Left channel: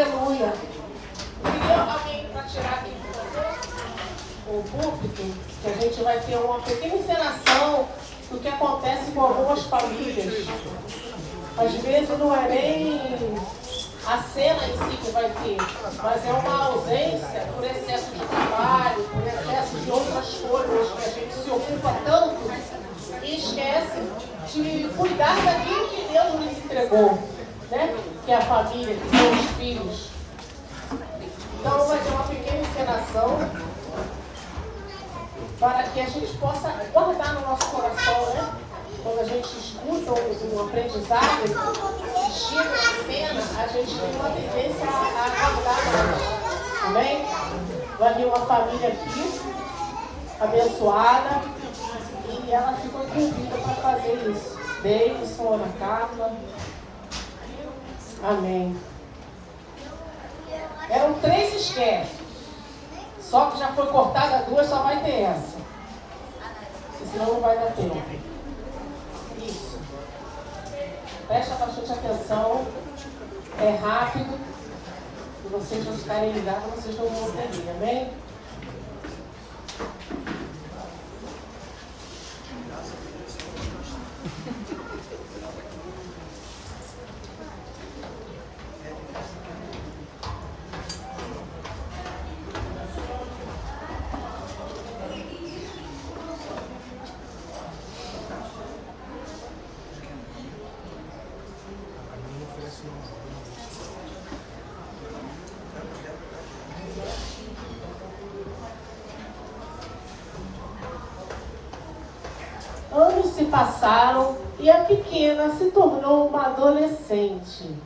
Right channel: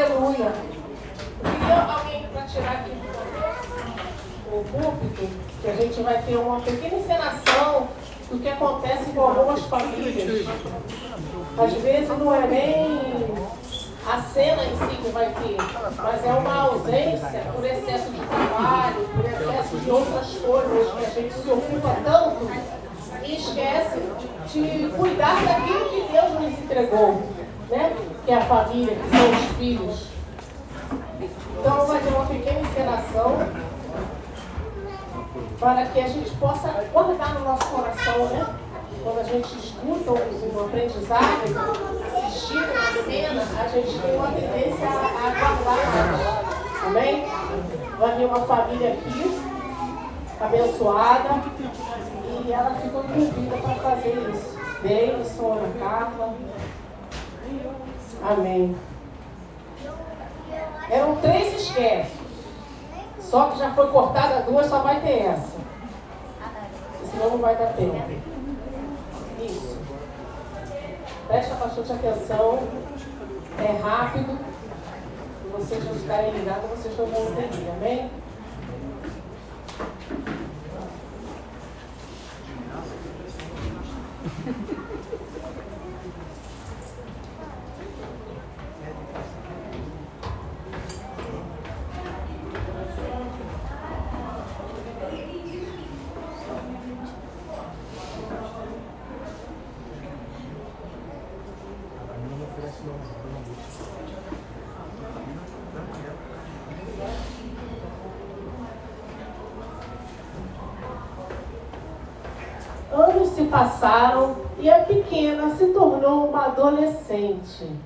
Aleluia. Queria alguém para tirar aqui o púlpito, que a gente vai ter uma pequena encenação do que acontece com algumas famílias. Às vezes não é nem a cena em si que vai ter, mas é uma ausência por excesso de trabalho, por excesso de outras coisas que a gente se ocupa tanto e esquece de cuidar daquilo que Deus nos entregou, né? Que é a família, que são os filhos. Então vai ter uma pequena encenação para que a gente possa guardar no nosso coração, né? Quando a gente escuta um aprendizado, assistindo uma cena, a gente tem uma tendência a guardar mais. Amém? Vai vir uma família aqui, abençoada, e ela ficou incumbida para fazer isso. Deison, Ana Carla. Amém. Eram 3 esquetes. Só que já foi cortada 2, só vai ter essa. Senão não vai dar tempo. Isso. Presta bastante atenção. É rápido. Se vocês não ficarem ligados, vocês não vão entender. Amém? Anos se passaram e a pequena se tornou uma adolescente.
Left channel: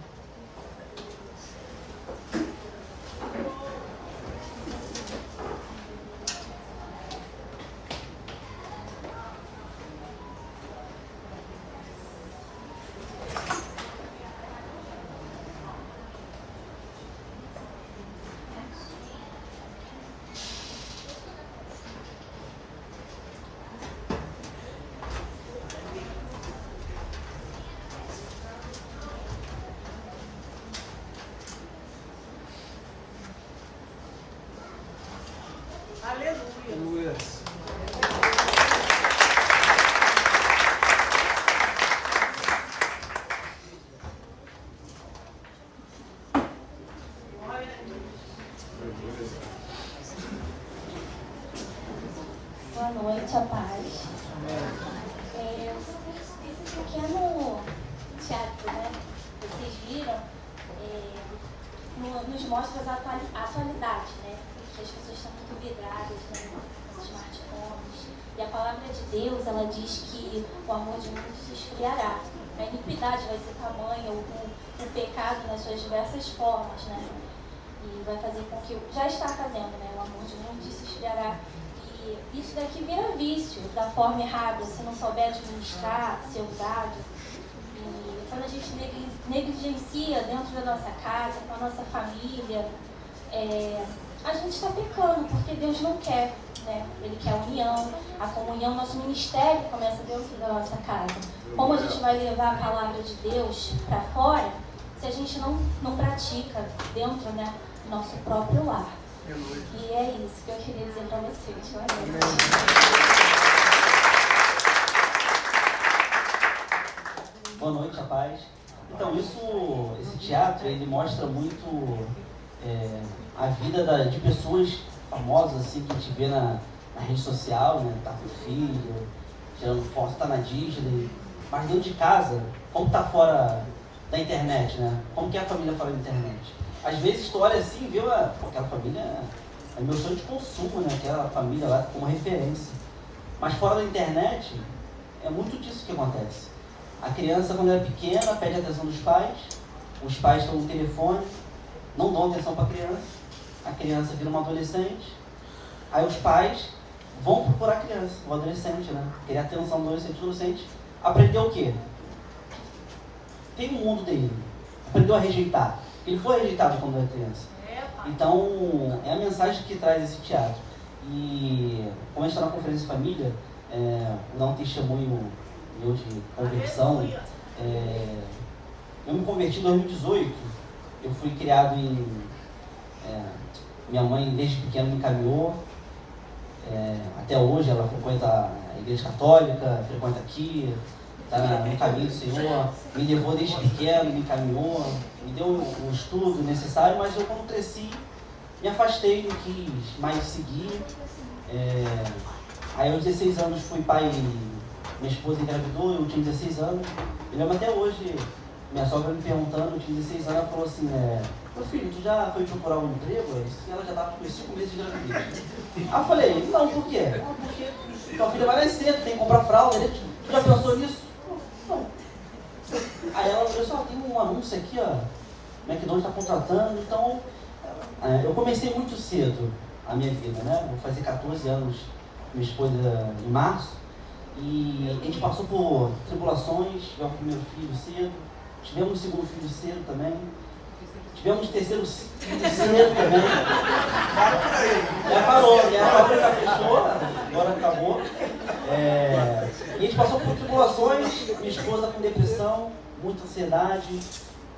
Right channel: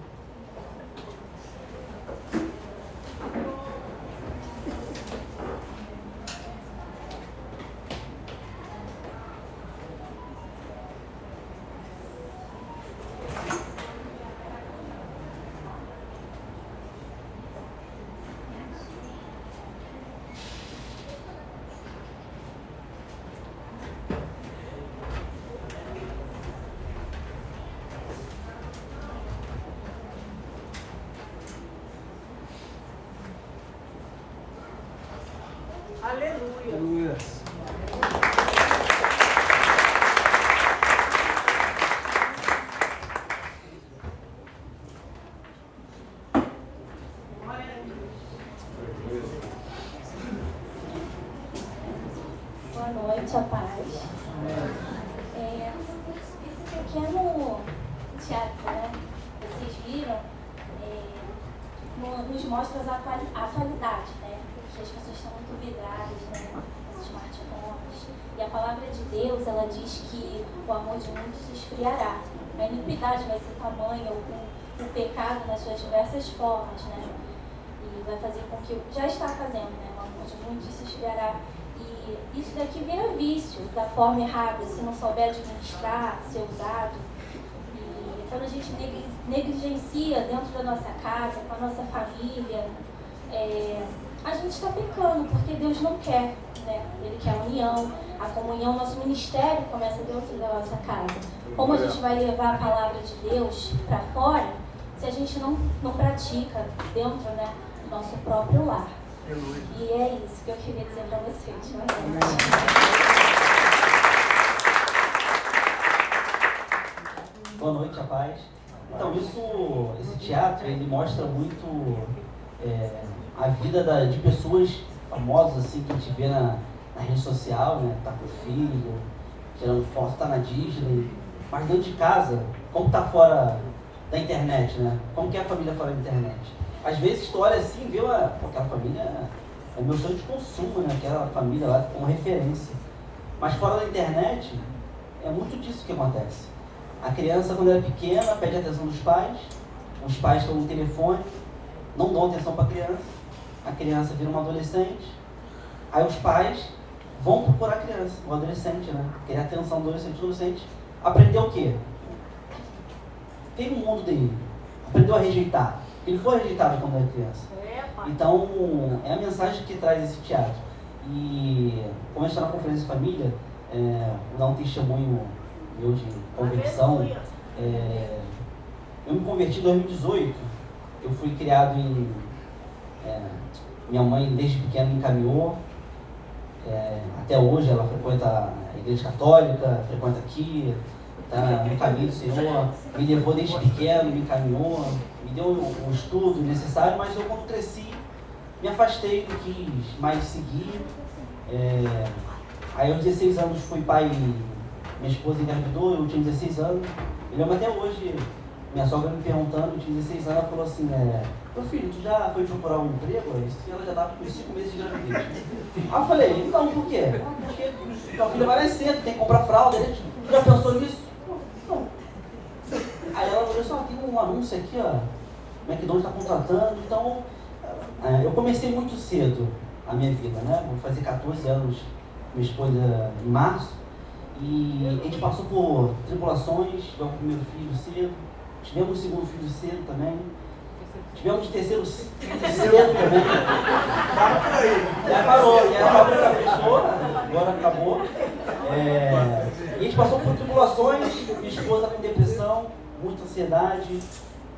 Aleluia. Boa noite, a paz. Esse pequeno teatro, né? Vocês viram, nos mostra a atualidade, né? Que as pessoas estão muito vidradas, né, nos smartphones. E a palavra de Deus, ela diz que o amor de muitos se esfriará. A iniquidade vai ser tamanha, o pecado nas suas diversas formas, né? E vai fazer com que, já está fazendo, né? O amor de muitos se esfriará. E isso daqui vira vício da forma errada, se não souber administrar, ser usado. E quando a gente negligencia dentro da nossa casa, com a nossa família, a gente está pecando, porque Deus não quer, né? Ele quer a união, a comunhão, nosso ministério começa dentro da nossa casa. Como a gente vai levar a palavra de Deus para fora, se a gente não pratica dentro, né, do nosso próprio lar? E é isso que eu queria dizer para vocês. Boa noite, a paz. Então, esse teatro, ele mostra muito a vida de pessoas famosas, assim, que a gente vê na rede social, né? Tá com o filho, tirando foto, tá na Disney. Mas dentro de casa, como tá fora da internet, né? Como que é a família fora da internet? Às vezes tu olha assim e vê, aquela família é meu sonho de consumo, né? Aquela família lá como referência. Mas fora da internet, é muito disso que acontece. A criança, quando é pequena, pede a atenção dos pais, os pais estão no telefone, não dão atenção para a criança vira uma adolescente, aí os pais vão procurar a criança, o adolescente, né? Querer a atenção do adolescente, aprender o quê? Tem o mundo dele, aprendeu a rejeitar. Ele foi rejeitado quando era criança. Então, é a mensagem que traz esse teatro. E, como a gente está na conferência de família, vou dar um testemunho meu de conversão. Eu me converti em 2018 eu fui criado minha mãe desde pequeno me encaminhou, até hoje ela frequenta a igreja católica, frequenta aqui, está no caminho do Senhor, me levou desde pequeno, me encaminhou, me deu o estudo necessário, mas eu quando cresci, me afastei, não quis mais seguir. Aí aos 16 anos fui pai, minha esposa engravidou, eu tinha 16 anos, eu lembro até hoje, minha sogra me perguntando, eu tinha 16 anos, ela falou assim, meu filho, tu já foi procurar um emprego? Ela já estava com 5 meses de gravidez. Aí eu falei, não, por quê? Não, porque tua filha vai nascer, tu tem que comprar fralda, tu já pensou nisso? Não. Aí ela falou assim, tem um anúncio aqui, ó, McDonald's está contratando, então eu comecei muito cedo a minha vida, né? Vou fazer 14 anos com minha esposa em março, e a gente passou por tribulações, tivemos o primeiro filho cedo, tivemos o segundo filho cedo também, tivemos o terceiro filho cedo também. Já parou, a fábrica fechou, agora acabou. E a gente passou por tribulações, minha esposa com depressão, muita ansiedade,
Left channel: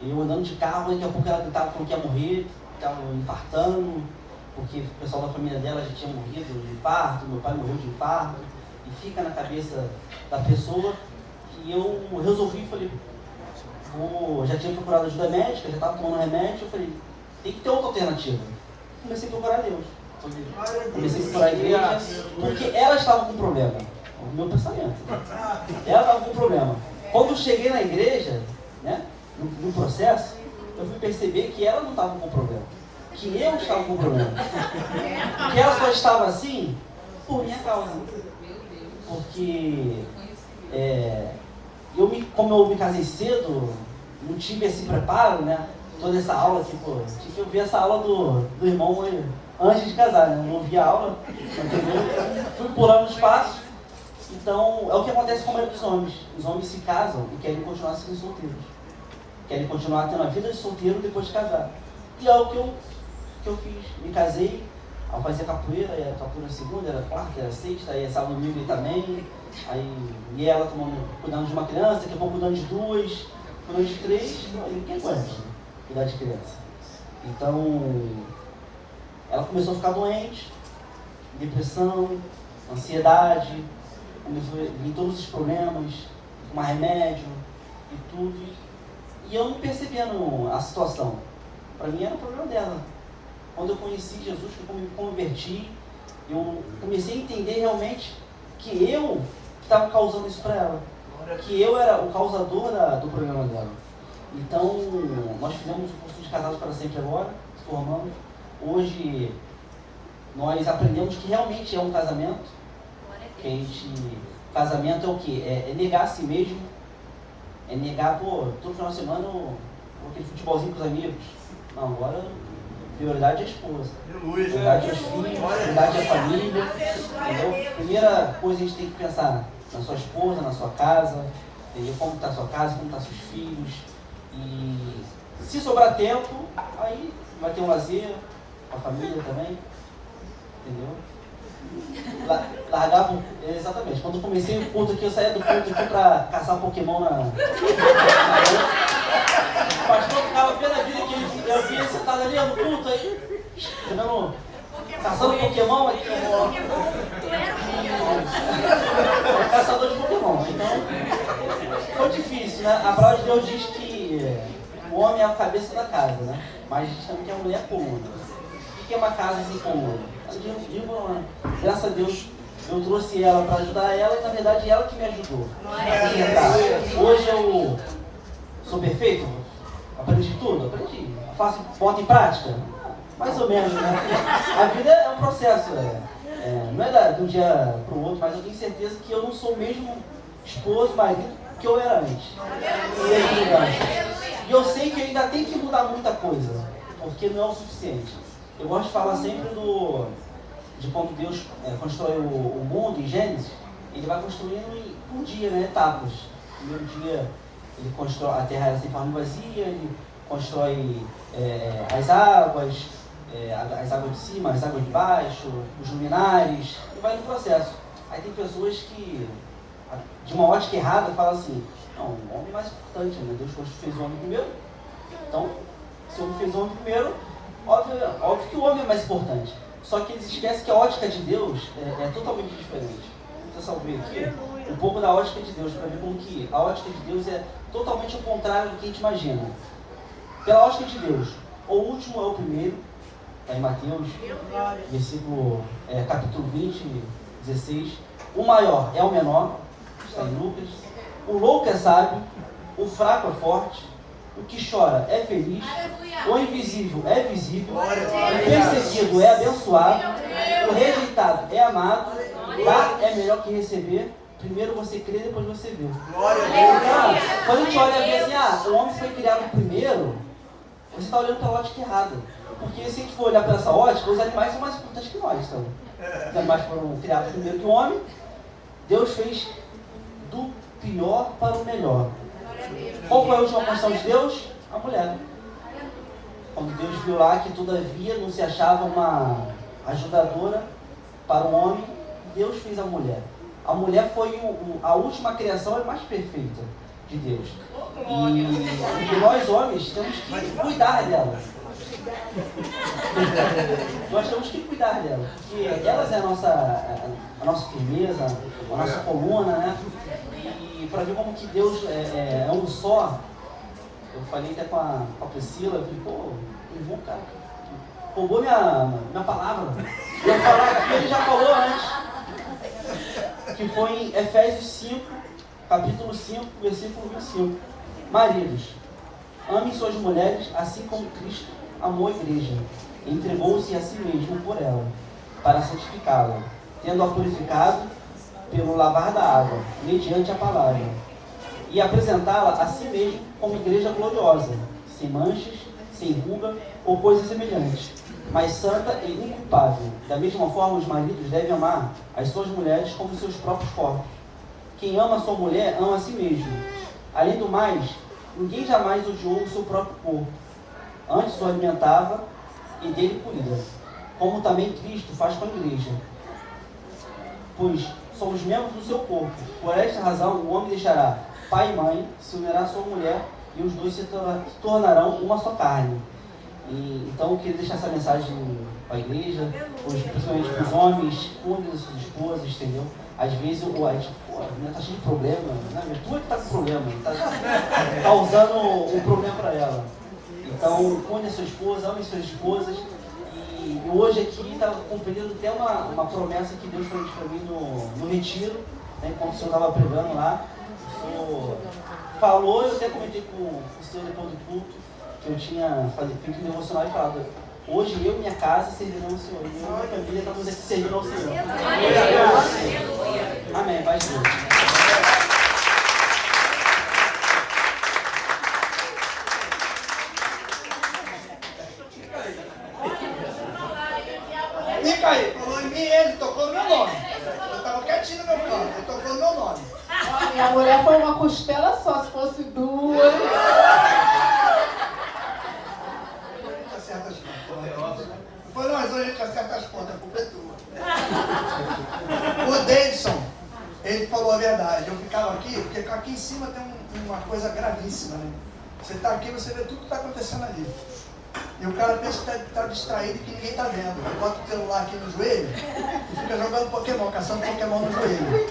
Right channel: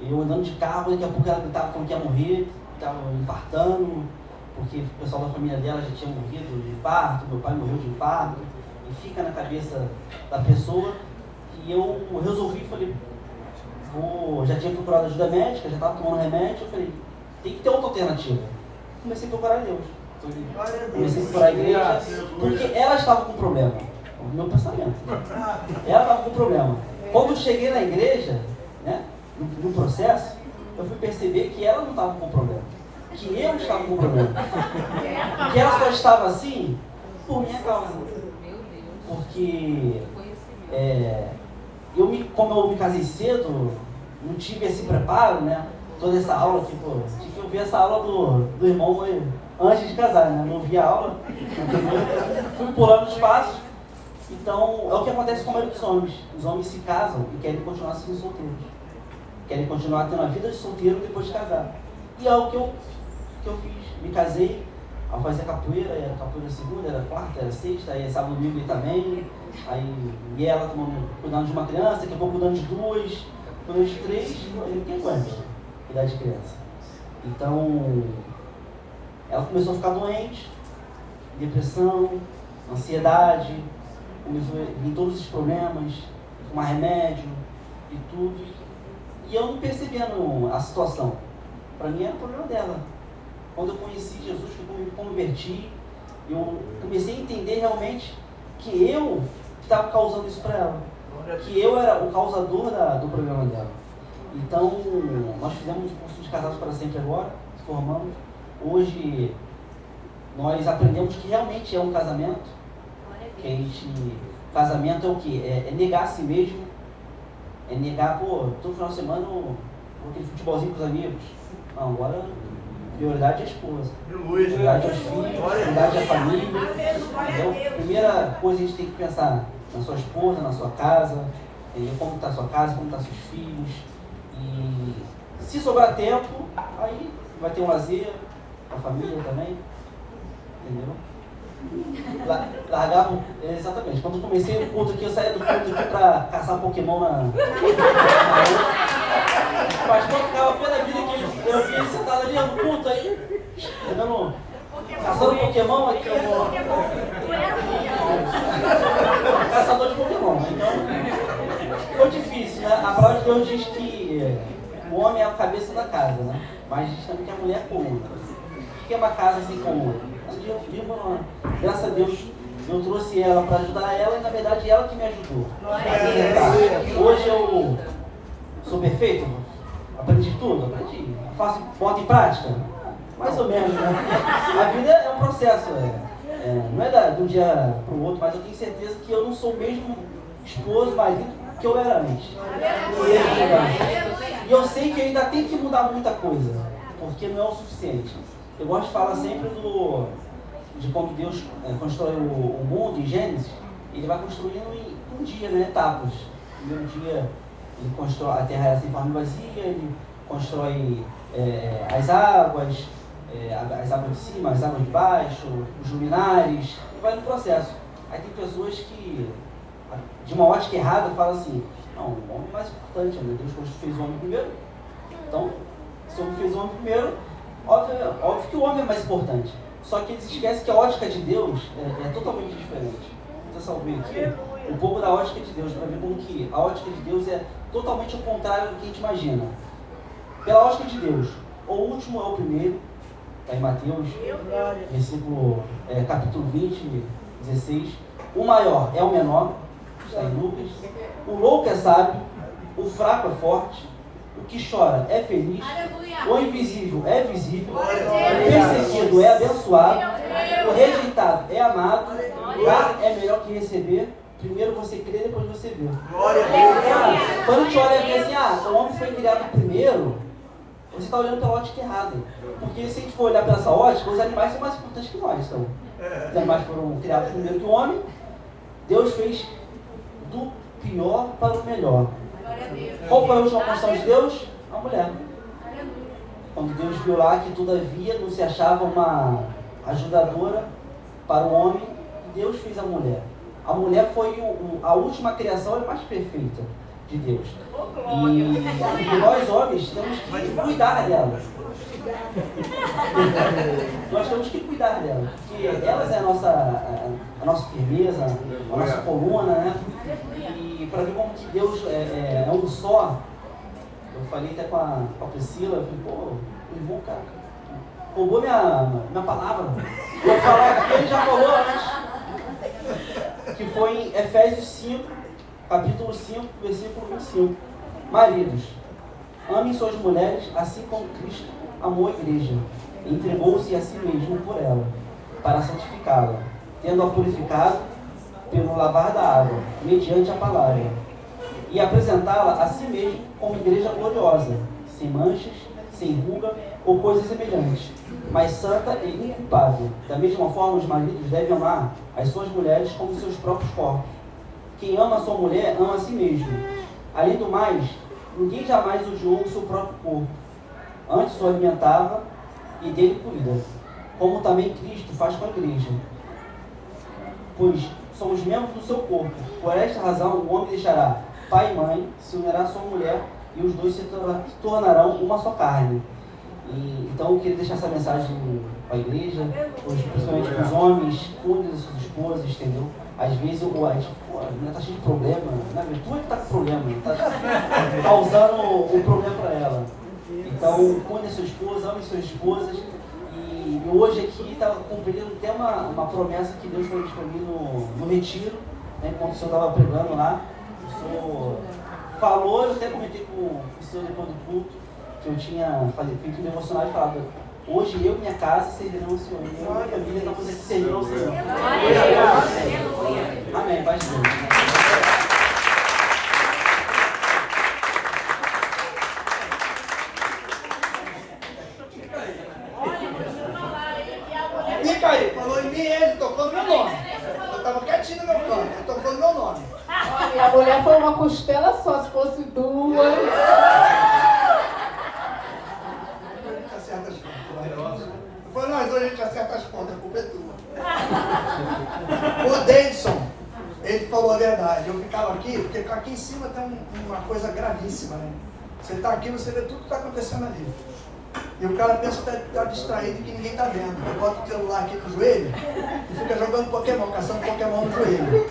eu andando de carro, daqui a pouco ela gritava falando que ia morrer, estava infartando, porque o pessoal da família dela já tinha morrido de infarto, meu pai morreu de infarto, e fica na cabeça da pessoa. E eu resolvi, falei, já tinha procurado ajuda médica, já estava tomando remédio, eu falei, tem que ter outra alternativa. Comecei a procurar Deus, comecei a procurar a igreja, porque ela estava com problema, o meu pensamento, ela estava com problema. Quando eu cheguei na igreja, né, no processo, eu fui perceber que ela não estava com problema, que eu estava com problema, que ela só estava assim por minha causa, porque como eu me casei cedo, não tive esse preparo, né? Toda essa aula, tinha que ouvir essa aula do irmão antes de casar, né? Não ouvi a aula, fui pulando os passos. Então, é o que acontece com a maioria dos homens. Os homens se casam e querem continuar sendo solteiros. Querem continuar tendo a vida de solteiro depois de casar. E é o que eu fiz. Me casei, ao fazer capoeira, era capoeira segunda, era quarta, era sexta, aí sábado, domingo aí também. Aí, e ela cuidando de uma criança, daqui a pouco cuidando de 2, cuidando de 3, ninguém aguenta cuidar de criança. Então, ela começou a ficar doente, depressão, ansiedade, começou a vir todos os problemas, tomar remédio e tudo. E eu não percebendo a situação. Para mim era o problema dela. Quando eu conheci Jesus, que eu me converti, eu comecei a entender realmente que eu estava causando isso para ela, que eu era o causador do problema dela. Então, nós fizemos o curso de Casados para Sempre agora, formamos. Hoje, nós aprendemos que realmente é um casamento, casamento é o quê? É negar a si mesmo, é negar, todo final de semana, aquele futebolzinho com os amigos. Não, agora, prioridade é a esposa, prioridade é os filhos, prioridade é a família. Então, primeira coisa a gente tem que pensar na sua esposa, na sua casa, como está a sua casa, como estão seus filhos. E se sobrar tempo, aí vai ter um lazer com a família também, entendeu? Largava, exatamente, quando eu comecei o culto aqui, eu saía do culto aqui para caçar Pokémon na rua. O pastor ficava pela vida que eu vi ele sentado ali no culto aí, caçando Pokémon aqui. Caçador de Pokémon. Então, foi difícil, né? A palavra de Deus diz que o homem é a cabeça da casa, né? Mas diz também que a mulher é comum. O que é uma casa assim comum? Graças a Deus, eu trouxe ela para ajudar ela e na verdade ela que me ajudou. Hoje eu sou perfeito? Aprendi tudo? Aprendi. Boto em prática? Mais ou menos, né? A vida é um processo, não é de um dia para o outro, mas eu tenho certeza que eu não sou o mesmo esposo, marido que eu era antes. E eu sei que ainda tem que mudar muita coisa, porque não é o suficiente. Eu gosto de falar sempre de quando Deus constrói o mundo em Gênesis, ele vai construindo em um dia, né, etapas. No primeiro dia, ele constrói a terra sem forma vazia, ele constrói as águas de cima, as águas de baixo, os luminares, e vai no processo. Aí tem pessoas que, de uma ótica errada, falam assim, não, o homem é mais importante, né? Deus fez o homem primeiro, então, Se o homem fez o homem primeiro, óbvio que o homem é mais importante. Só que eles esquecem que a ótica de Deus é totalmente diferente. Então, salve aqui um pouco da ótica de Deus, para ver como que a ótica de Deus é totalmente o contrário do que a gente imagina. Pela ótica de Deus, o último é o primeiro, está em Mateus, capítulo 20, 16. O maior é o menor, está em Lucas. O louco é sábio, o fraco é forte, o que chora é feliz, o invisível é visível, o perseguido é abençoado, o rejeitado é amado, dar é melhor que receber. Primeiro você crê, depois você vê. Quando a gente olha e vê assim, o homem foi criado primeiro, você está olhando pela ótica errada. Porque se a gente for olhar pela essa ótica, os animais são mais importantes que nós. Então, os animais foram criados primeiro que o homem. Deus fez do pior para o melhor. Qual foi a última função de Deus? A mulher. Quando Deus viu lá que todavia não se achava uma ajudadora para o homem, Deus fez a mulher. A mulher foi a última criação e mais perfeita de Deus. E nós homens temos que cuidar dela. Nós temos que cuidar dela, porque elas é a nossa firmeza, a nossa coluna, né? E para ver como que Deus é um só, eu falei até com a Priscila, eu falei, o irmão, cara, roubou minha palavra. Eu falar aqui, ele já falou antes, que foi em Efésios 5, capítulo 5, versículo 25. Maridos, amem suas mulheres, assim como Cristo amou a igreja, e entregou-se a si mesmo por ela, para santificá-la, tendo-a purificado pelo lavar da água, mediante a palavra, e apresentá-la a si mesmo como igreja gloriosa, sem manchas, sem ruga ou coisa semelhante, mas santa e inculpável. Da mesma forma, os maridos devem amar as suas mulheres como seus próprios corpos. Quem ama a sua mulher, ama a si mesmo. Além do mais, ninguém jamais odiou o seu próprio corpo. Antes o alimentava e dele cuida, como também Cristo faz com a igreja. Pois somos membros do seu corpo. Por esta razão, o homem deixará pai e mãe, se unirá à sua mulher, e os dois se tornarão uma só carne. Então eu queria deixar essa mensagem para a igreja, principalmente para os homens, cuidem das suas esposas, entendeu? Às vezes a gente está cheio de problema, né? Mas tu é que está com problema, está causando um problema para ela. Então, cuide da sua esposa, ame suas esposas. E hoje aqui está cumprindo até uma promessa que Deus fez para mim no retiro, né? Enquanto o senhor estava pregando lá. O senhor falou, eu até comentei com o senhor depois do culto, que eu tinha feito um devocional e falado: hoje eu e minha casa servirão ao Senhor. Eu e minha família estamos aqui servindo ao Senhor. Amém. Paz de Deus. Fica aí, falou em mim, ele tocou no meu nome. Eu estava quietinho no meu canto, ele tocou no meu nome. E a mulher foi uma costela só, se fosse duas. Acerta as contas. Depois nós dois a gente acerta as contas, a culpa é tua. O Davidson, ele falou a verdade. Eu ficava aqui, porque aqui em cima tem uma coisa gravíssima, né? Você está aqui, você vê tudo que está acontecendo ali. E o cara pensa que está distraído e que ninguém está vendo. Ele bota o celular aqui no joelho e fica jogando Pokémon, caçando Pokémon no joelho.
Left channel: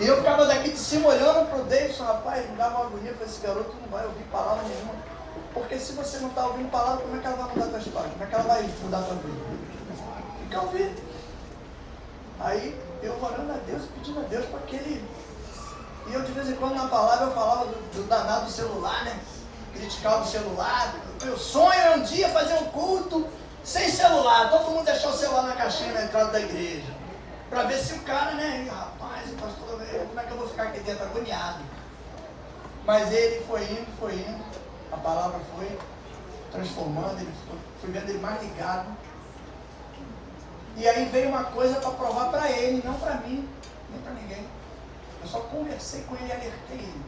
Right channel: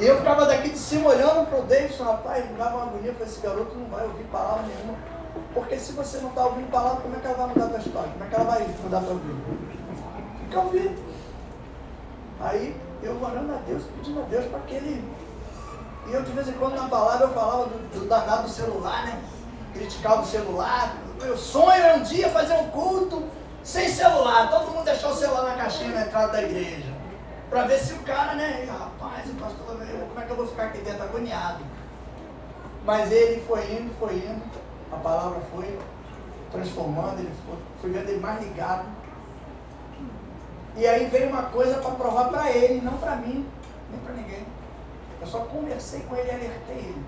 E eu ficava daqui de cima olhando para o Davidson, rapaz, me dava uma agonia. Eu falei, esse garoto não vai ouvir palavra nenhuma. Porque se você não está ouvindo palavra, como é que ela vai mudar a tua história? Como é que ela vai mudar a tua vida? Tem que ouvir. Aí eu orando a Deus, pedindo a Deus para que ele... E eu de vez em quando na palavra eu falava do danado do celular, né? Criticar o celular. Meu sonho é um dia fazer um culto sem celular. Todo mundo deixar o celular na caixinha na entrada da igreja. Para ver se o cara, né? Rapaz, pastor, como é que eu vou ficar aqui dentro agoniado? Mas ele foi indo. A palavra foi transformando, fui vendo ele mais ligado. E aí veio uma coisa para provar para ele, não para mim, nem para ninguém. Eu só conversei com ele e alertei ele.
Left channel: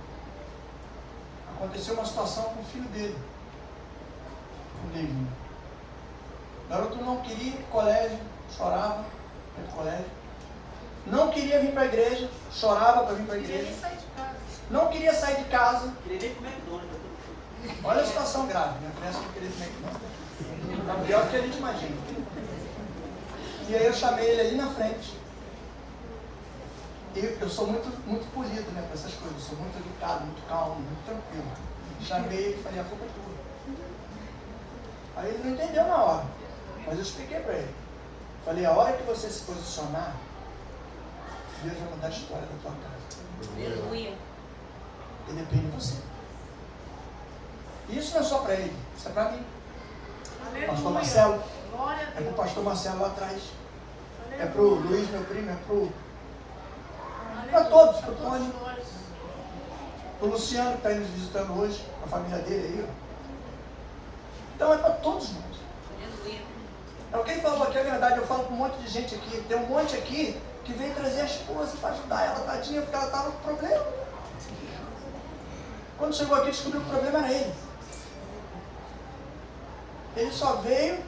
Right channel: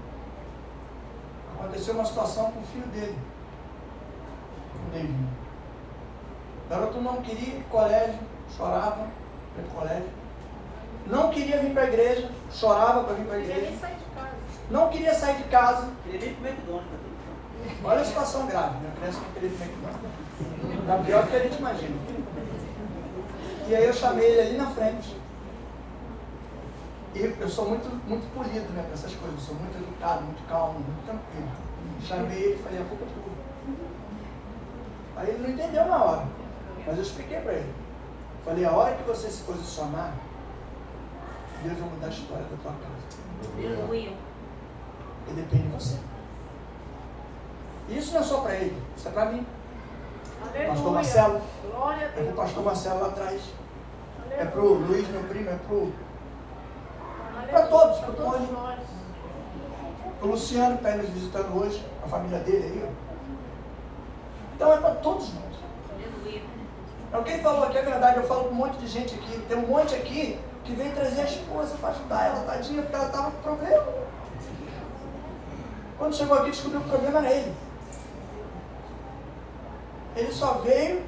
Aconteceu uma situação com o filho dele, o David. O garoto não queria ir para o colégio, chorava para ir para o colégio. Não queria vir para a igreja, chorava para vir para a igreja. Não queria sair de casa. Queria nem comer McDonald's. Olha a situação grave, minha criança não queria comer aqui não. Está pior do que a gente imagina. E aí eu chamei ele ali na frente. E eu sou muito polido, né, para essas coisas. Eu sou muito educado, muito calmo, muito tranquilo. Chamei ele e falei, a culpa é tua. Aí ele não entendeu na hora. Mas eu expliquei para ele. Falei, a hora que você se posicionar, Deus vai mudar a história da tua casa. Aleluia. Porque depende de você. E isso não é só para ele, isso é para mim. Pastor Marcelo. É para o pastor Marcelo lá atrás. É para o Luiz, meu primo, é para todos, para o Tony. Para o Luciano que está aí nos visitando hoje, a família dele aí. Ó. Então é para todos nós. É o que ele falou aqui, é verdade. Eu falo com um monte de gente aqui. Tem um monte aqui que veio trazer a esposa para ajudar ela, tadinha, porque ela estava com problema. Quando chegou aqui, descobriu que o problema era ele. Ele só veio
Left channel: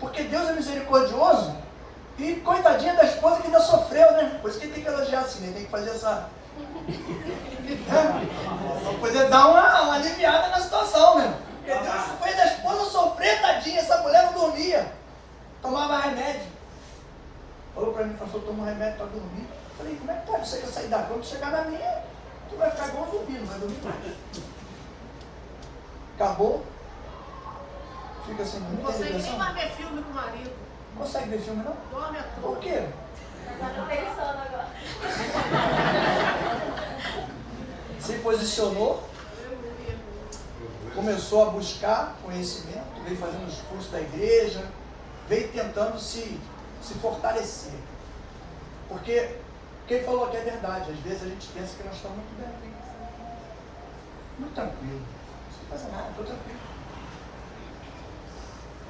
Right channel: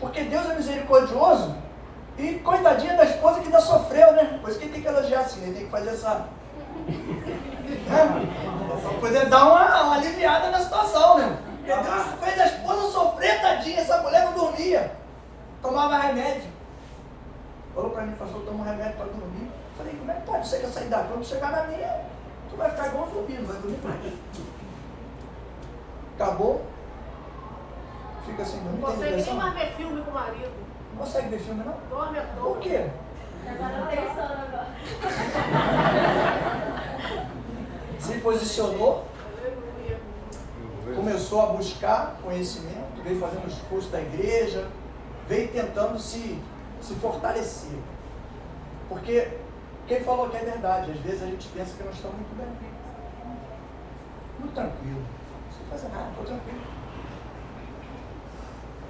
porque Deus é misericordioso e coitadinha da esposa que ainda sofreu, né? Por isso que ele tem que elogiar assim, ele tem que fazer essa... Para poder dar uma aliviada na situação, né? Porque Deus fez a esposa sofrer, tadinha, essa mulher não dormia. Tomava remédio. Falou para mim, pastor, toma um remédio para dormir. Falei, como é que pode? Você quer sair da cama? Quando chegar na minha, tu vai ficar igual um zumbi, não vai dormir mais. Acabou. Fica assim, não tem depressão. Você nem vai ver filme com o marido. Não consegue ver filme, não? Dorme à toa. Por quê? Eu tô pensando agora. Se posicionou, começou a buscar conhecimento, veio fazendo os cursos da igreja, veio tentando se fortalecer. Porque quem falou que é verdade, às vezes a gente pensa que nós estamos muito bem, muito tranquilo, não precisa fazer nada, estou tranquilo.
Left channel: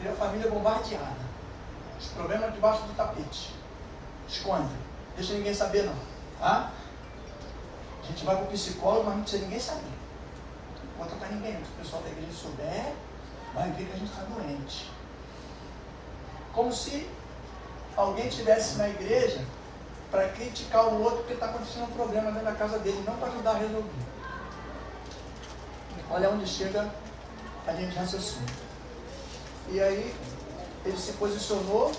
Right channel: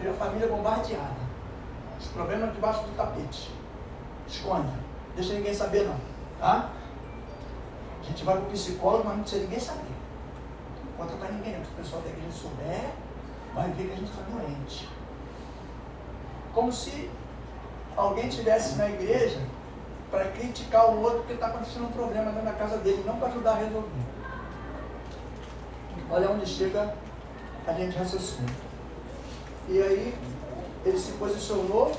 E a família bombardeada, os problemas debaixo do tapete, esconde, deixa ninguém saber não, tá? A gente vai para o psicólogo, mas não precisa ninguém saber. Não conta para ninguém, porque se o pessoal da igreja souber, vai ver que a gente está doente. Como se alguém estivesse na igreja para criticar o outro porque está acontecendo um problema dentro da casa dele, não para ajudar a resolver. Olha onde chega a linha de raciocínio. E aí, ele se posicionou,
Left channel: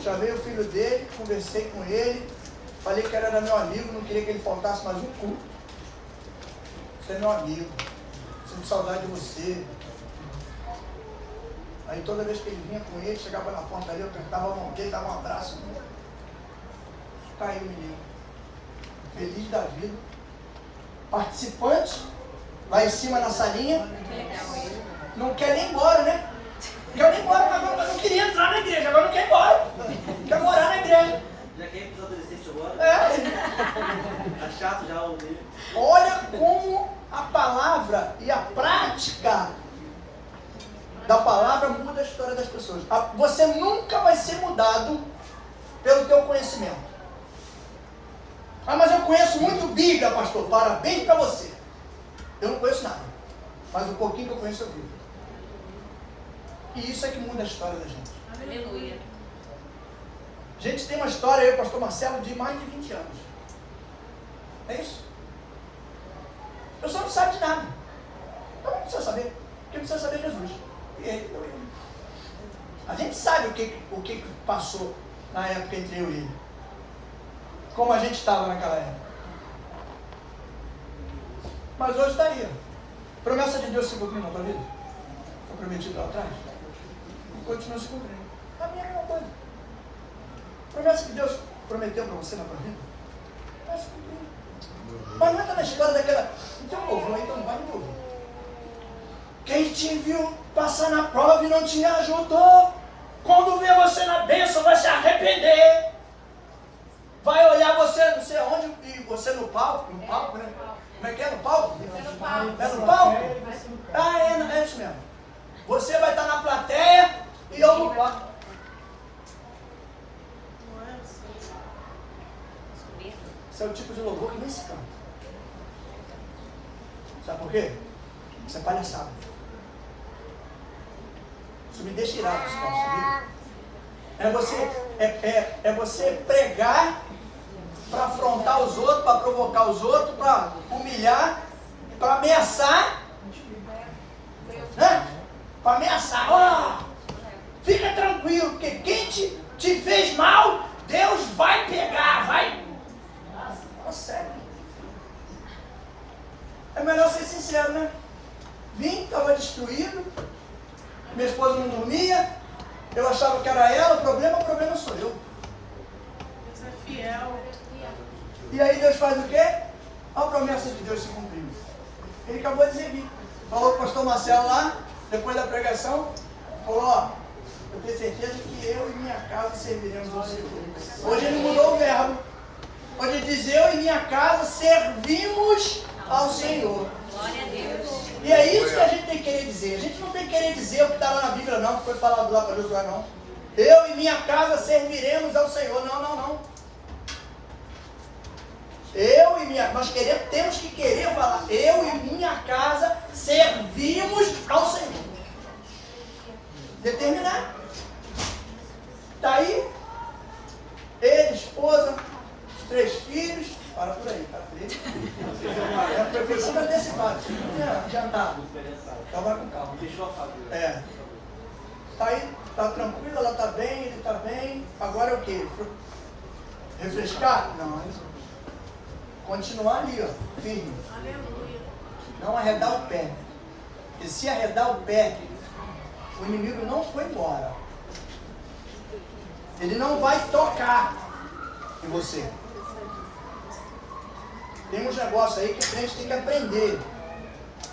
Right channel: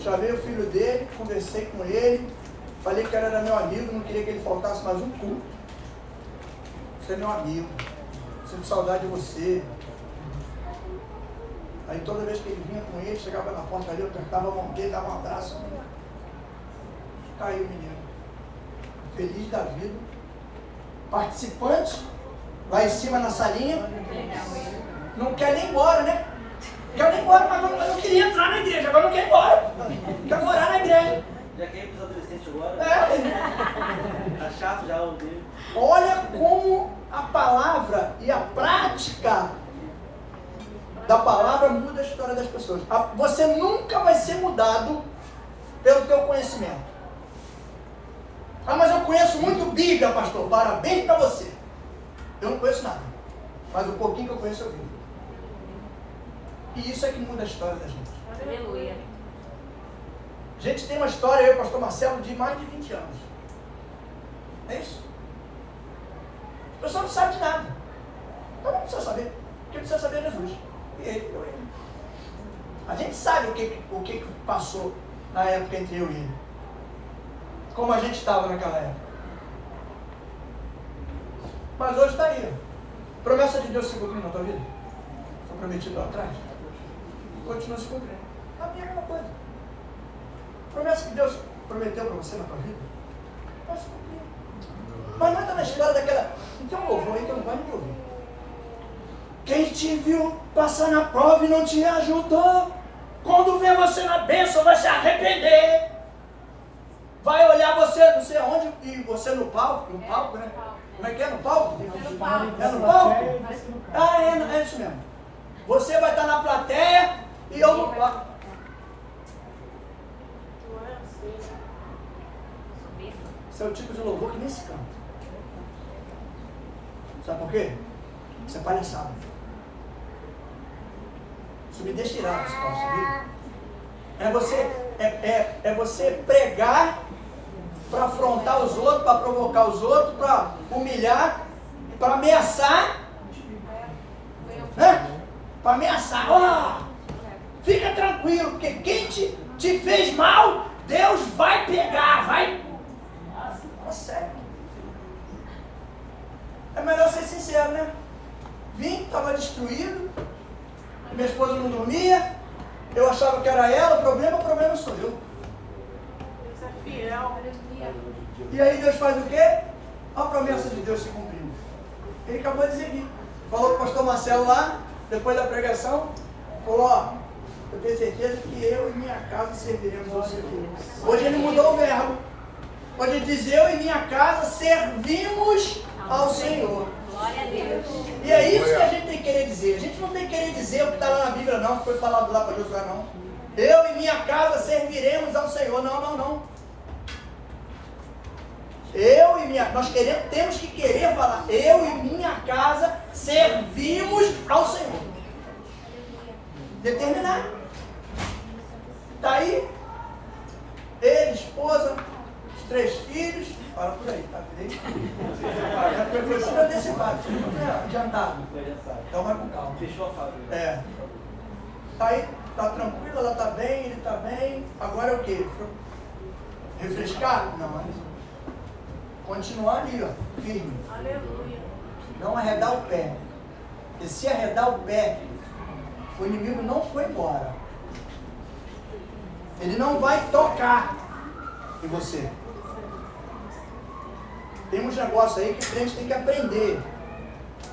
chamei o filho dele, conversei com ele, falei que era meu amigo, não queria que ele faltasse mais um culto. Você é meu amigo, sinto saudade de você. Aí toda vez que ele vinha com ele, chegava na porta ali, eu apertava a mão dele, dava um abraço. Caiu o menino. Feliz da vida. Participante, lá em cima na salinha. Não quer nem ir embora, né? Não quer nem ir embora, mas não queria entrar na igreja, agora não quer ir embora. Quer morar na igreja. Já quer ir para os adolescentes agora? Tá chato já o dele. Olha como a palavra e a prática da palavra muda a história das pessoas. Você nunca vai ser mudado pelo teu conhecimento. Ah, mas eu conheço muito Bíblia, pastor. Parabéns para você. Eu não conheço nada. Mas o pouquinho que eu conheço eu vivo. E isso é que muda a história da gente. Aleluia. A gente tem uma história, eu e o pastor Marcelo, de mais de 20 anos. É isso? A pessoa não sabe de nada. Então não precisa saber. Quem precisa saber é Jesus. E ele, eu e ele. A gente sabe o que passou na época entre eu e ele. Como a gente estava naquela época. Mas hoje está aí. Promessa de Deus se cumpriu na tua vida? Foi prometido lá atrás? Continua se cumprindo. A minha é a mesma coisa. Promessa que Deus prometeu para você na tua vida? Vai se cumprir. Mas não entra na história daquela... Então louvor, então não vai me ouvir. Quem te viu passar na prova e não te ajudou, quando vê você na bênção vai se arrepender. Vai olhar você não sei aonde e você no palco, né? Como é que é? No palco? É no palco? É isso mesmo. Você vai estar na plateia e eu no palco. Esse é o tipo de louvor que nem se canta. Sabe por quê? Isso é palhaçada. Isso me deixa irado, esse troço, sabia? É você pregar para afrontar os outros, para provocar os outros, para humilhar, para ameaçar para ameaçar. Ó, fica tranquilo, porque quem te fez mal, Deus vai pegar, vai. Sério. É melhor ser sincero, né? Vim, estava destruído, minha esposa não dormia, eu achava que era ela, o problema sou eu. Você é fiel. E aí Deus faz o quê? A promessa de Deus se cumprindo. Ele acabou de dizer aqui. Falou com o pastor Marcelo lá, depois da pregação, falou, ó, eu tenho certeza que eu e minha casa serviremos ao Senhor. Hoje ele mudou o verbo. Hoje ele diz, eu e minha casa servimos ao Senhor. Glória a Deus. E é isso que a gente tem que querer dizer. A gente não tem que querer dizer o que está lá na Bíblia, não, que foi falado lá para Josué, não. Eu e minha casa serviremos ao Senhor. Não. Nós temos que querer falar, eu e minha casa servimos ao Senhor. Determinar. Está aí, ele, esposa, os 3 filhos, para por aí, tá? 3. Foi tudo antecipado, tudo adiantado. Então vai com calma. Fechou a fábrica. Está aí, está tranquilo, ela está bem, ele está bem. Agora é o quê? Refrescar? Não. Continuar ali, ó, firme. Não arredar o pé. Porque se arredar o pé, o inimigo não foi embora. Ele não vai tocar em você. Tem uns negócios aí que o crente tem que aprender.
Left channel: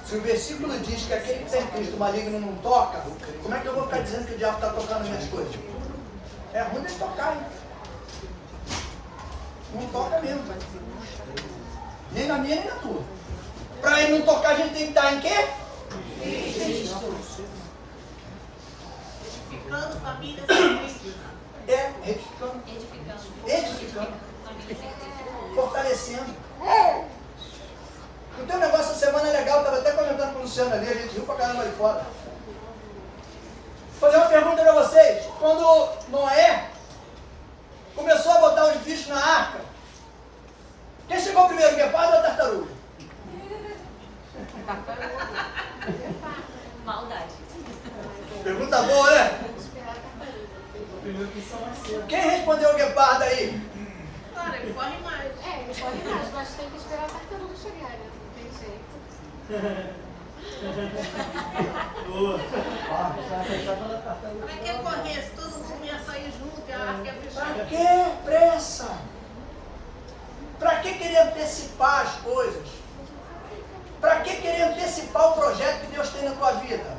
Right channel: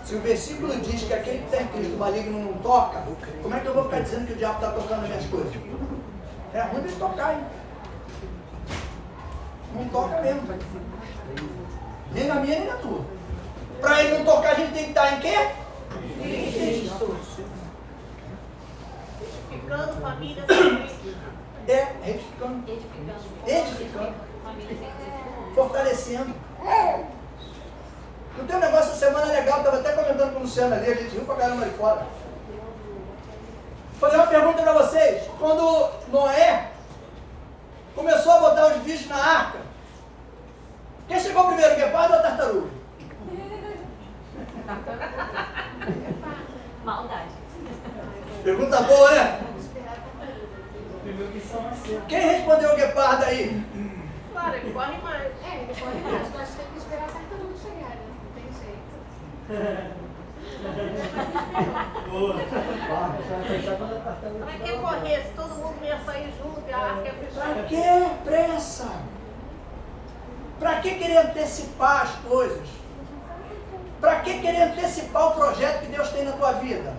Se o versículo diz que aquele que está em Cristo maligno não toca, como é que eu vou ficar dizendo que o diabo está tocando minhas coisas? É ruim de tocar, hein? Não toca mesmo. Nem na minha, nem na tua. Para ele não tocar, a gente tem que estar em quê? Edificando família. Retificando. Edificando. Fortalecendo. O teu negócio essa semana é legal, estava até comentando com o Luciano ali, a gente riu pra caramba ali fora. Vou fazer uma pergunta para vocês. Quando Noé começou a botar os bichos na arca, quem chegou primeiro, o guepardo ou a tartaruga? Maldade. Pergunta boa, né? Quem respondeu o guepardo aí? Claro, ele corre mais. Ele corre mais, mas tem que esperar a tartaruga chegar, né? Não tem jeito. Pra que correr? Se todo mundo ia sair junto, a arca ia fechar. Pra que pressa? Pra que querer antecipar as coisas? Pra que querer antecipar o projeto que Deus tem na tua vida?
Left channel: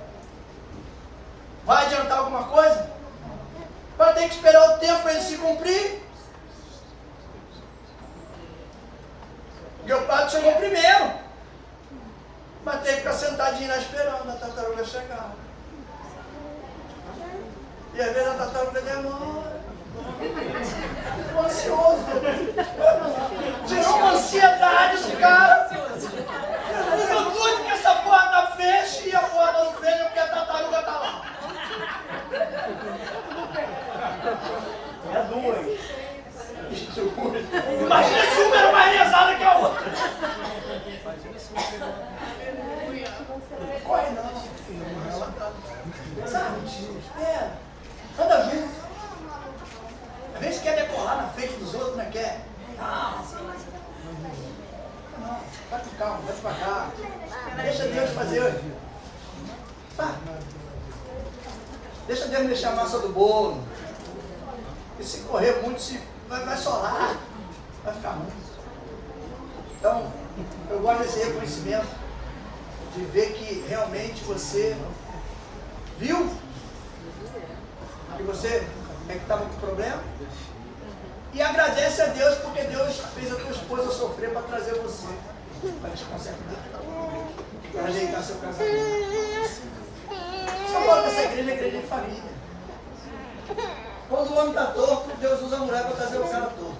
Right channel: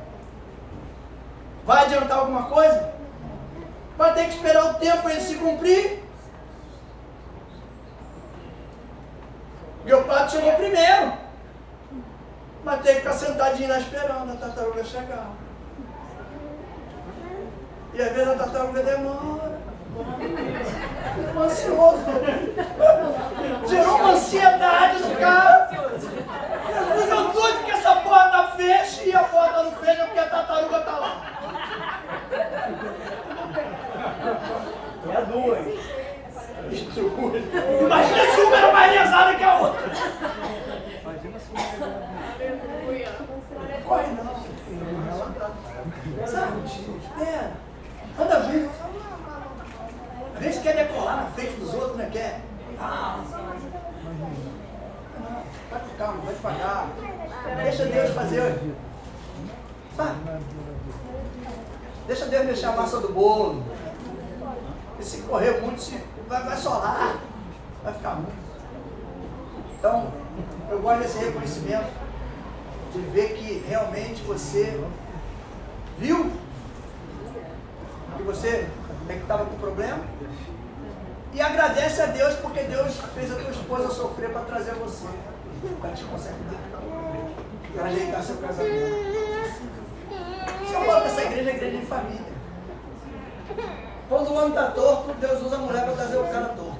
Vai adiantar alguma coisa? Vai ter que esperar o tempo para ele se cumprir? Meu pai chegou primeiro, mas tem que ficar sentadinho lá esperando a tartaruga chegar. E às vezes a tartaruga demora. Ficou ansioso. Gerou uma ansiedade no cara. Eu doido que essa porta feche e a porta não fecha porque a tartaruga está lá. É 2. Imagina se uma era mais lesada que a outra. Corre não. Sabe? Espera. Anda junto. Às vezes quer decolar na frente dos outros, né? Quer. Não. Vai com calma, vai devagar. Deixa Deus fazer. Sabe? Deixa Deus mexer a massa do bolo. E se correr muito, vai solar. Vai ficar ruim. Então, eu gosto desse reconhecimento. De ver que realmente você viu que você é que estava com problema. E agradece a Deus porque Deus fez a tua esposa sofrer para trazer você. Para te consertar. Para ajeitar seu casamento. Só falo que essa igreja é igreja de família. Quando o homem está torto, Deus usa a mulher para trazer o cara torto.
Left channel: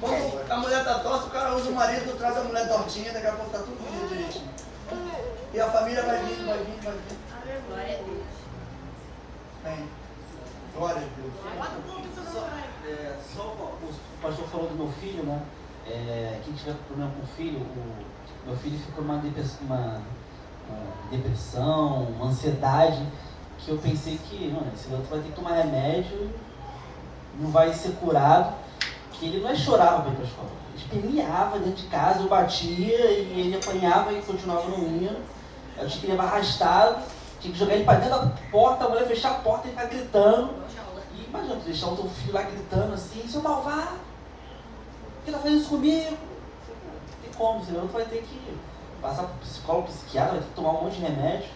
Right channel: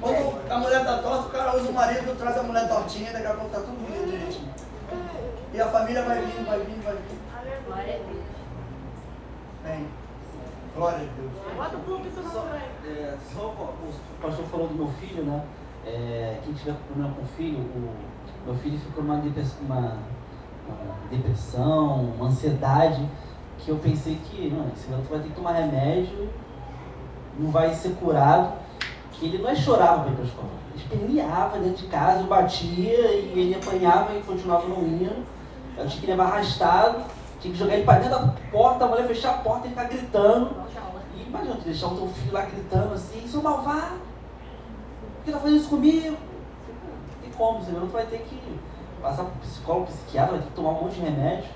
Quando a mulher está torta, o cara usa o marido e traz a mulher tortinha, daqui a pouco está tudo bonito, gente. E a família vai vindo, vai vindo, vai vindo. Glória a Deus. Bem, glória a Deus. Só o pastor falou do meu filho, né? Quem tiver problema com o filho, o meu filho ficou uma uma depressão, uma ansiedade, que eu pensei que, não, esse garoto vai ter que tomar remédio, não vai ser curado, que ele não chorava para ir para a escola, ele esperneava dentro de casa, eu batia e ele apanhava e continuava não indo, eu tinha que levar arrastado, tinha que jogar ele para dentro da porta, a mulher fechar a porta e ficar gritando. E imagina, tu deixar o teu filho lá gritando assim, seu malvado, por que tá fazendo isso comigo? Não tem como, senão tu vai ter que passar por psicólogo, psiquiatra, vai ter que tomar um monte de remédio.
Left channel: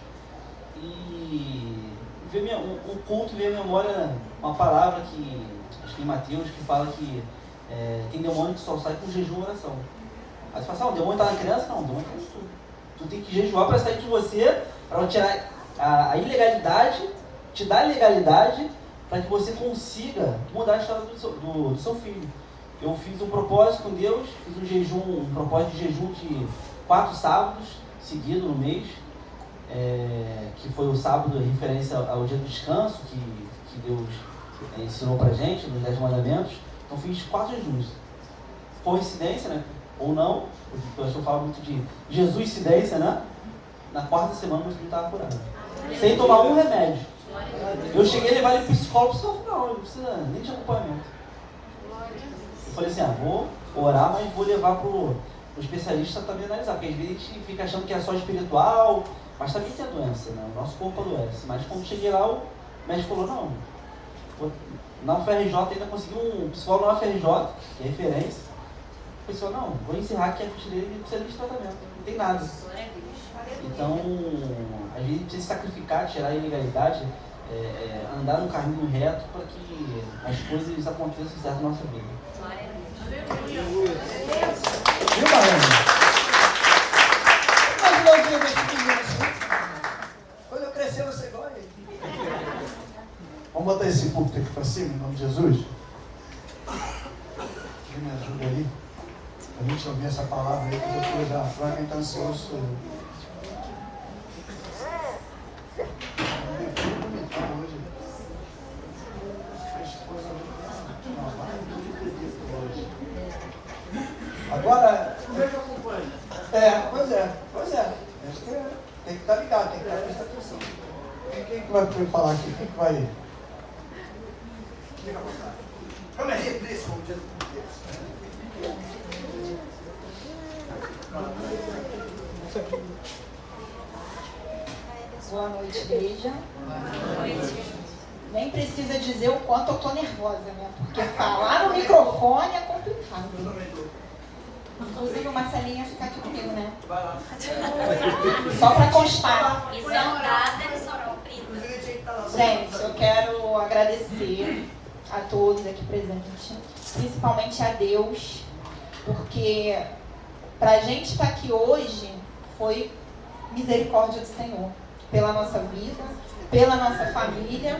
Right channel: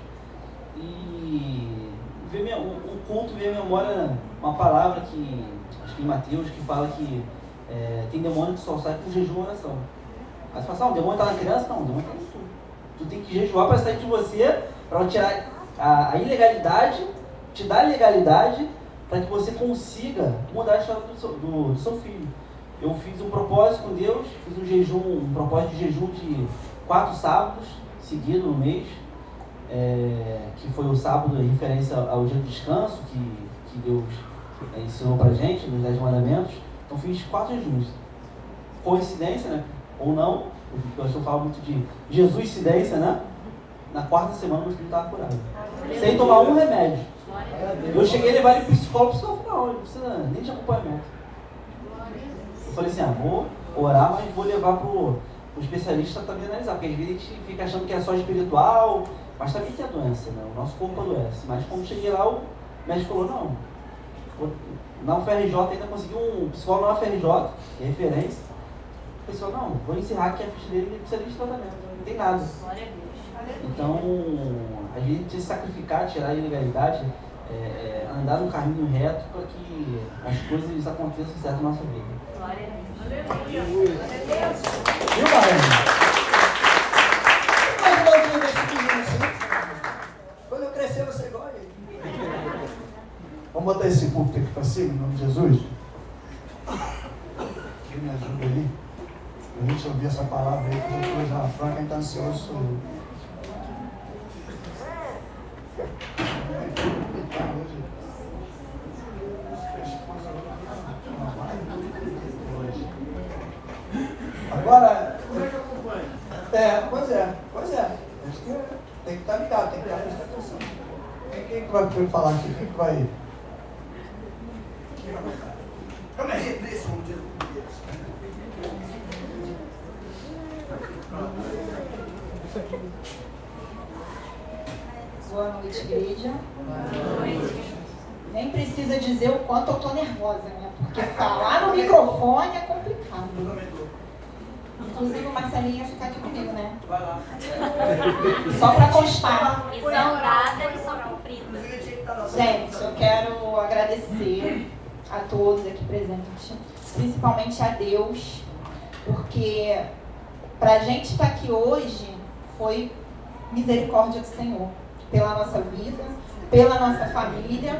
E veio um culto veio à memória uma palavra que, acho que em Mateus, que fala que tem demônio que só sai com jejum e oração. Aí você fala assim, o demônio tá na criança? Não, o demônio tá em tudo. Tu tem que jejuar para sair de você, para tirar a ilegalidade, te dar a legalidade, para que você consiga mudar a história do seu filho. Eu fiz um propósito com Deus, fiz um propósito de jejum de 4 sábados seguidos no mês, que foi o sábado em referência ao dia do descanso, que Deus ensinou pra gente, nos 10 mandamentos. Então fiz 4 jejuns. Coincidência, né? Ou não, porque eu falo muito de Jesuscidência, né? Na 4ª semana meu filho estava curado. Sem tomar um remédio. Eu cheguei a levar ele para o psicólogo, não, ele não precisa nem de acompanhamento. Eu falei assim, vou orar, mas vou levar para o especialista também analisar, porque às vezes a gente fica achando que é só espiritual, mas também tem a doença, né? O nosso corpo adoece. Mas quando cheguei lá, o médico falou, não, na UFRJ ainda consegui um psicólogo na UFRJ, que é referência. O pessoal, não, vou encerrar aqui a ficha dele, ele precisa de tratamento, não tem nada. Então, a gente precisa sacrificar, tirar a ilegalidade, andar no caminho reto para que as coisas aconteçam certo na nossa vida. Viu, Barão? Mas o lojinho desse menino assim. Quando eu crescer, você igual a ele. Vamos botar esse púlpito aqui para cima, em nome de Jesus? Quem me ajuda aí? A gente ouvir essa palavra aí, que eu já Franca, quem está ansioso sou eu. Agora, pois é. Tem que estar ligado, tem que estar prestando atenção. Quem que vai falar aqui? Quem que vai? Como é isso, como diz Deus? Boa noite, igreja. Boa noite. Nem precisa dizer o quanto eu tô nervosa, né? Porque falar no microfone é complicado. Inclusive o Marcelinho ia ficar aqui comigo, né? Vai lá. Só para constar. Missão dada, missão cumprida. Gente, eu quero agradecer a todos aqui presentes, principalmente a Deus, porque pra gente estar aqui hoje foi misericórdia do Senhor, pela nossa vida, pela nossa família,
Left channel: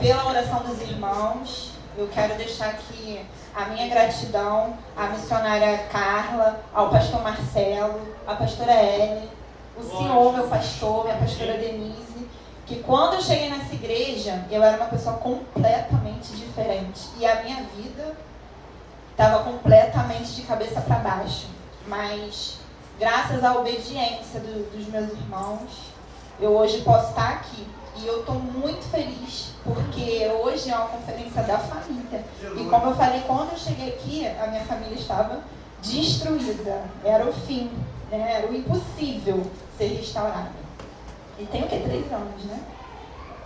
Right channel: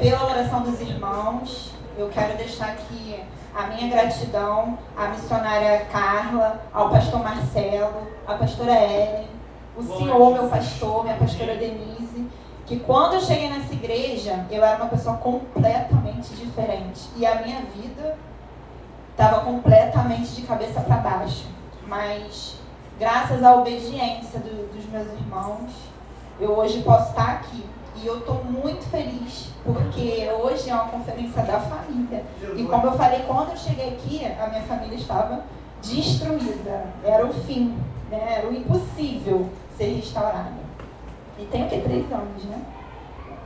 pela oração dos irmãos. Eu quero deixar aqui a minha gratidão à missionária Carla, ao pastor Marcelo, à pastora Ellen, o senhor, meu pastor, minha pastora Denise, que quando eu cheguei nessa igreja, eu era uma pessoa completamente diferente. E a minha vida estava completamente de cabeça para baixo. Mas, graças à obediência dos meus irmãos, eu hoje posso estar aqui. E eu estou muito feliz, porque hoje é uma conferência da família. E como eu falei, quando eu cheguei aqui, a minha família estava destruída. Era o fim, né? Era o impossível ser restaurada. E tem o quê? 3 anos, né?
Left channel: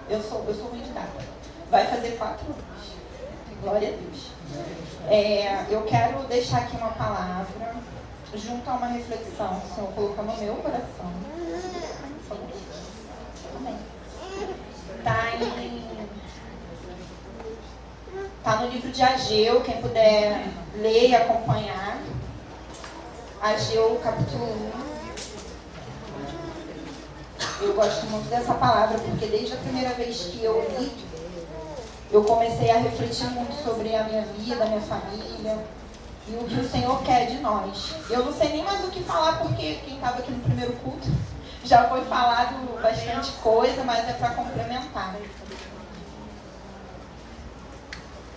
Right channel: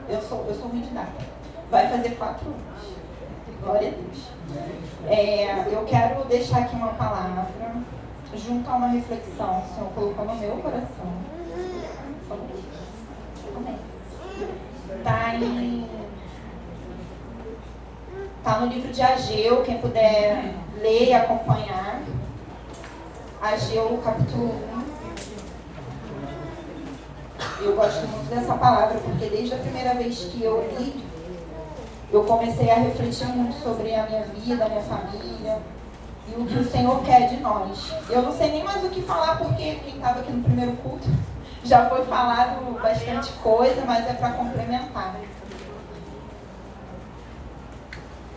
Eu sou ruim de data. Vai fazer 4 anos. Glória a Deus. Eu quero deixar aqui uma palavra, junto a uma reflexão que o Senhor colocou no meu coração. Por favor. Amém. Tá no livro de Ageu, quem puder ler e acompanhar. Ageu, capítulo 1. Eu gosto muito dessa palavra, porque desde a primeira vez que eu li, eu comecei a refletir muito sobre a minha vida, a minha família, e o que o Senhor quer de nós. Eu não sei nem mais o que falar, porque quem estava aqui no primeiro culto já foi falado bastante coisa, mas é para complementar.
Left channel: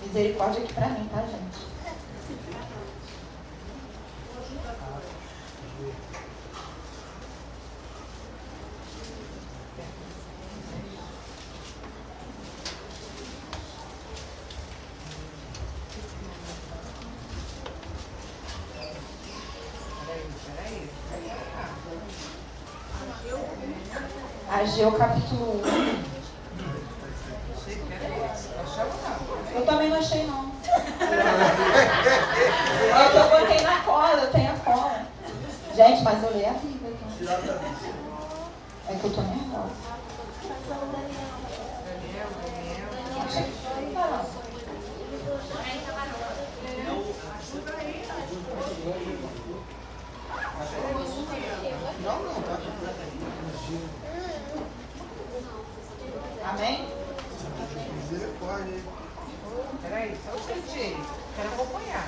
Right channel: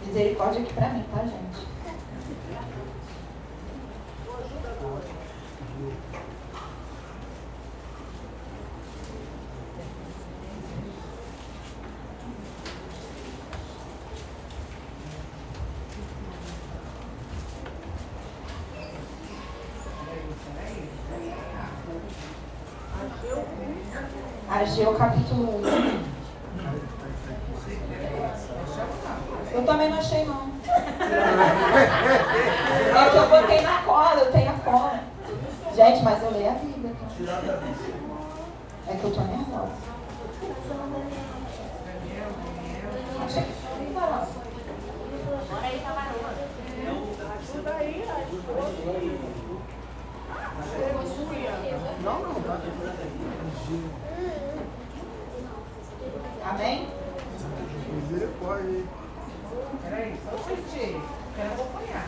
Misericórdia aqui para mim, tá, gente? Ageu capítulo 1. Eu também não achei, não. É que eu botei na cola, eu tenho a cola. Gente, mas eu leio a Bíblia. Então. É que eu tô nervosa. Achei que não tá. Amém? Misericórdia. Peraí, só um instantinho. Quero acompanhar.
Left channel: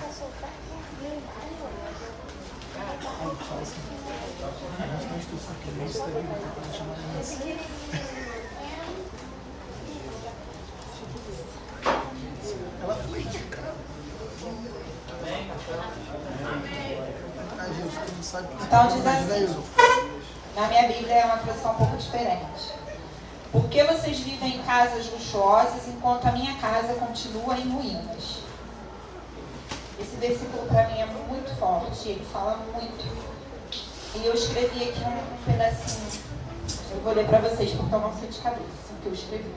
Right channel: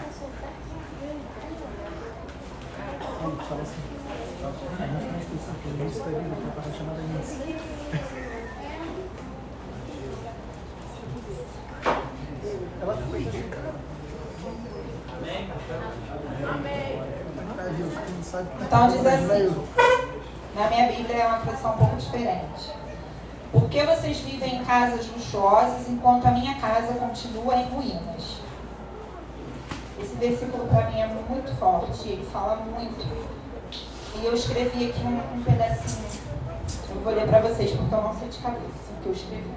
Fala assim. A gente tem instrução que o Inês está vindo para a chamada Inês. Ela foi indicada. Então diz assim, na minha Bíblia é uma tradução um pouco diferente. Por que vocês vivem em casas luxuosas enquanto a minha casa continua em ruínas? Esse versículo para mim é muito forte, ele fala muito. E eu escrevi aqui um pedacinho. Eu vou ler para vocês porque eu não sei de cabeça o que eu escrevi.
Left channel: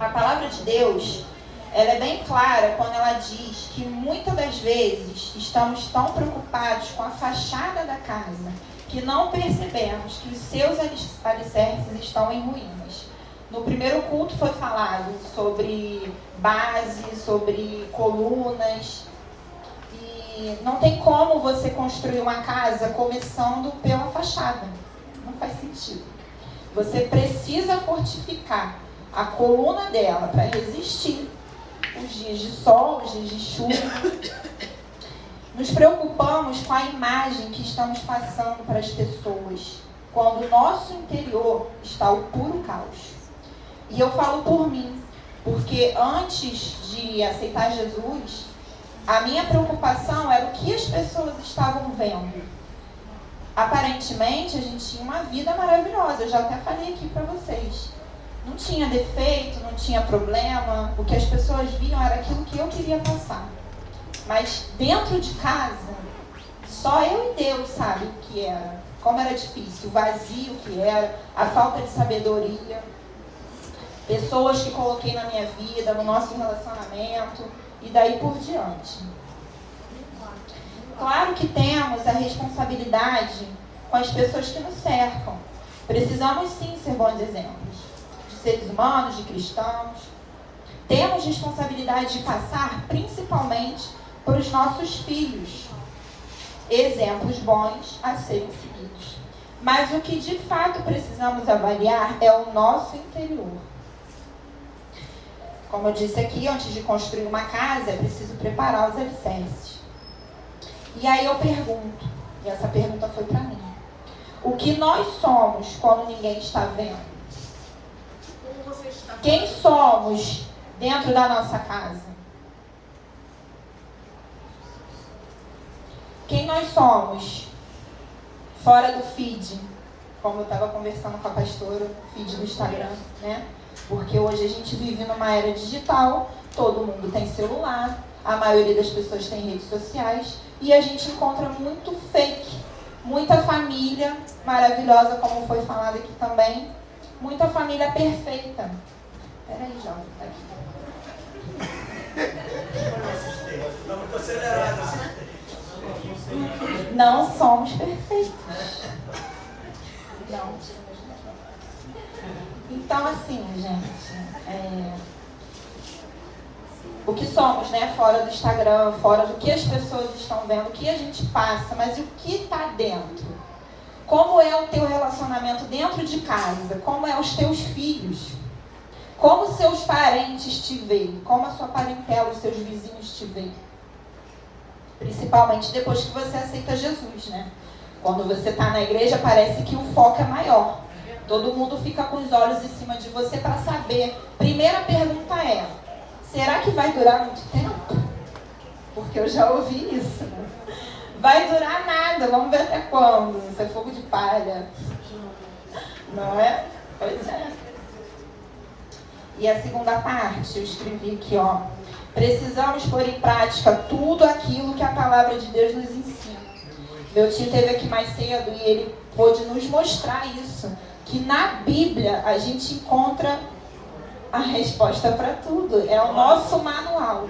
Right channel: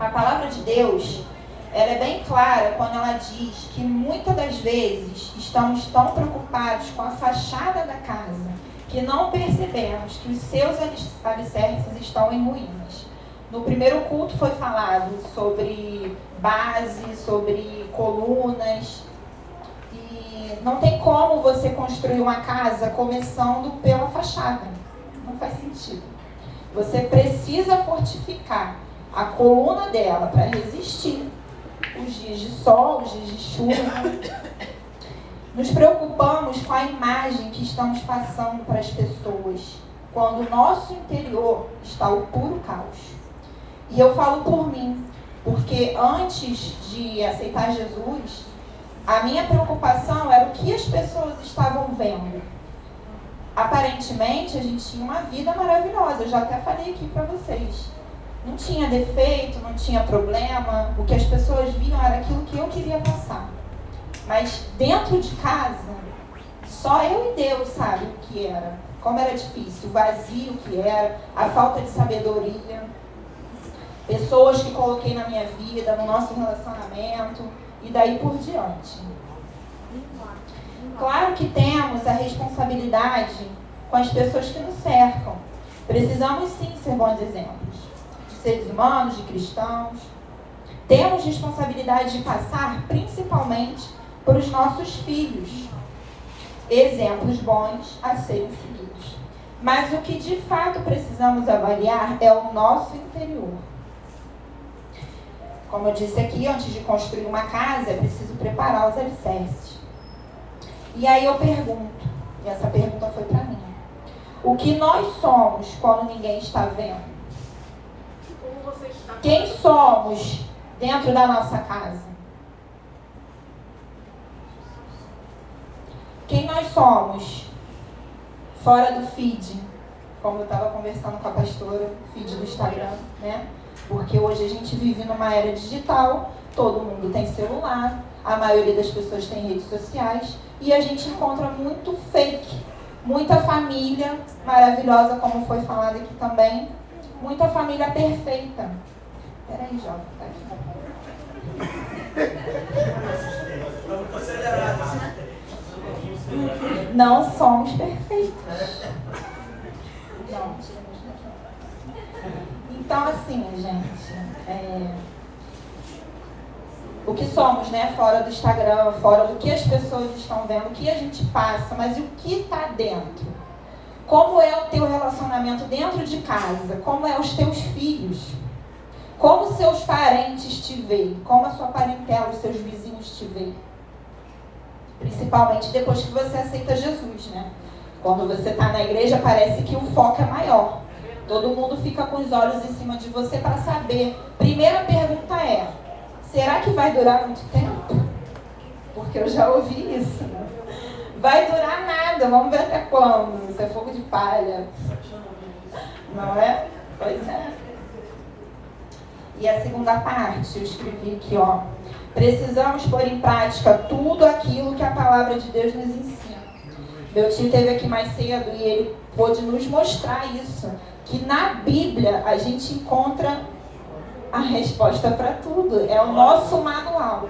A palavra de Deus, ela é bem clara quando ela diz que muitas das vezes estamos tão preocupados com a fachada da casa que não percebemos que os seus alicerces estão em ruínas. No primeiro culto foi falado sobre base, sobre colunas. E não tem como você construir uma casa começando pela fachada. Não faz sentido. Você precisa fortificar a coluna dela para resistir os dias de sol, os dias de chuva. Nos preocupamos com a imagem que estamos passando para as pessoas, quando o nosso interior está o puro caos. E eu falo por mim, porque antes de aceitar Jesus, a minha preocupação era o que as pessoas estavam vendo. Aparentemente, a gente tinha uma vida maravilhosa, eu já até falei aqui para vocês. Não tinha defeito, não tinha problema, o que as pessoas viam era aquilo que eu queria passar. Mas dentro de casa, só eu e Deus sabe o que era, como era difícil, o vazio que era, a falta de sabedoria, pessoas que coloquei na minha vida, no nosso relacionamento e daí por diante. Claro que temos a responsabilidade com as pessoas que nos cercam. Precisamos sim ser bons exemplos, de seres humanos, de cristãos. Temos responsabilidade de passar principalmente para os nossos filhos exemplos bons a serem seguidos. Mas o que de fato precisamos avaliar é o nosso interior. Como eu disse aqui, antes de construir uma casa, é preciso preparar os alicerces. E aí eu pergunto, e essa pergunta foi para mim, o que nós somos quando ninguém está vendo? Quem somos dentro da nossa casa? Quem nós somos fora do feed? Como eu estava conversando com a pastora, o feed do Instagram, né? Porque hoje a gente vive numa era digital, todo mundo tem celular, a maioria das pessoas tem redes sociais, e a gente encontra muito fake, muita família maravilhosa, como foi falado aqui também, muita família perfeita. Peraí, jovem, tá aqui. Não somos perfeitos. Não. Então, assim, gente, o que somos, né? Fora do Instagram, fora do que as pessoas estão vendo, o que a gente passa, mas e o que está dentro? Como é o teu relacionamento dentro de casa? Como é os teus filhos? Como seus parentes te veem? Como a sua parentela, os seus vizinhos te veem? Principalmente depois que você aceita Jesus, né? Quando você está na igreja, parece que o foco é maior. Todo mundo fica com os olhos em cima de você para saber. Primeira pergunta é, será que vai durar muito tempo? Porque eu já ouvi isso. Né? Vai durar nada, vamos ver até quando. Isso é fogo de palha. Não é? Pois é. E a segunda parte, eu escrevi aqui, ó. Precisamos pôr em prática tudo aquilo que a palavra de Deus nos ensina. Meu tio esteve aqui mais cedo e ele pôde nos mostrar isso. que na Bíblia a gente encontra a resposta para tudo. É o nosso manual.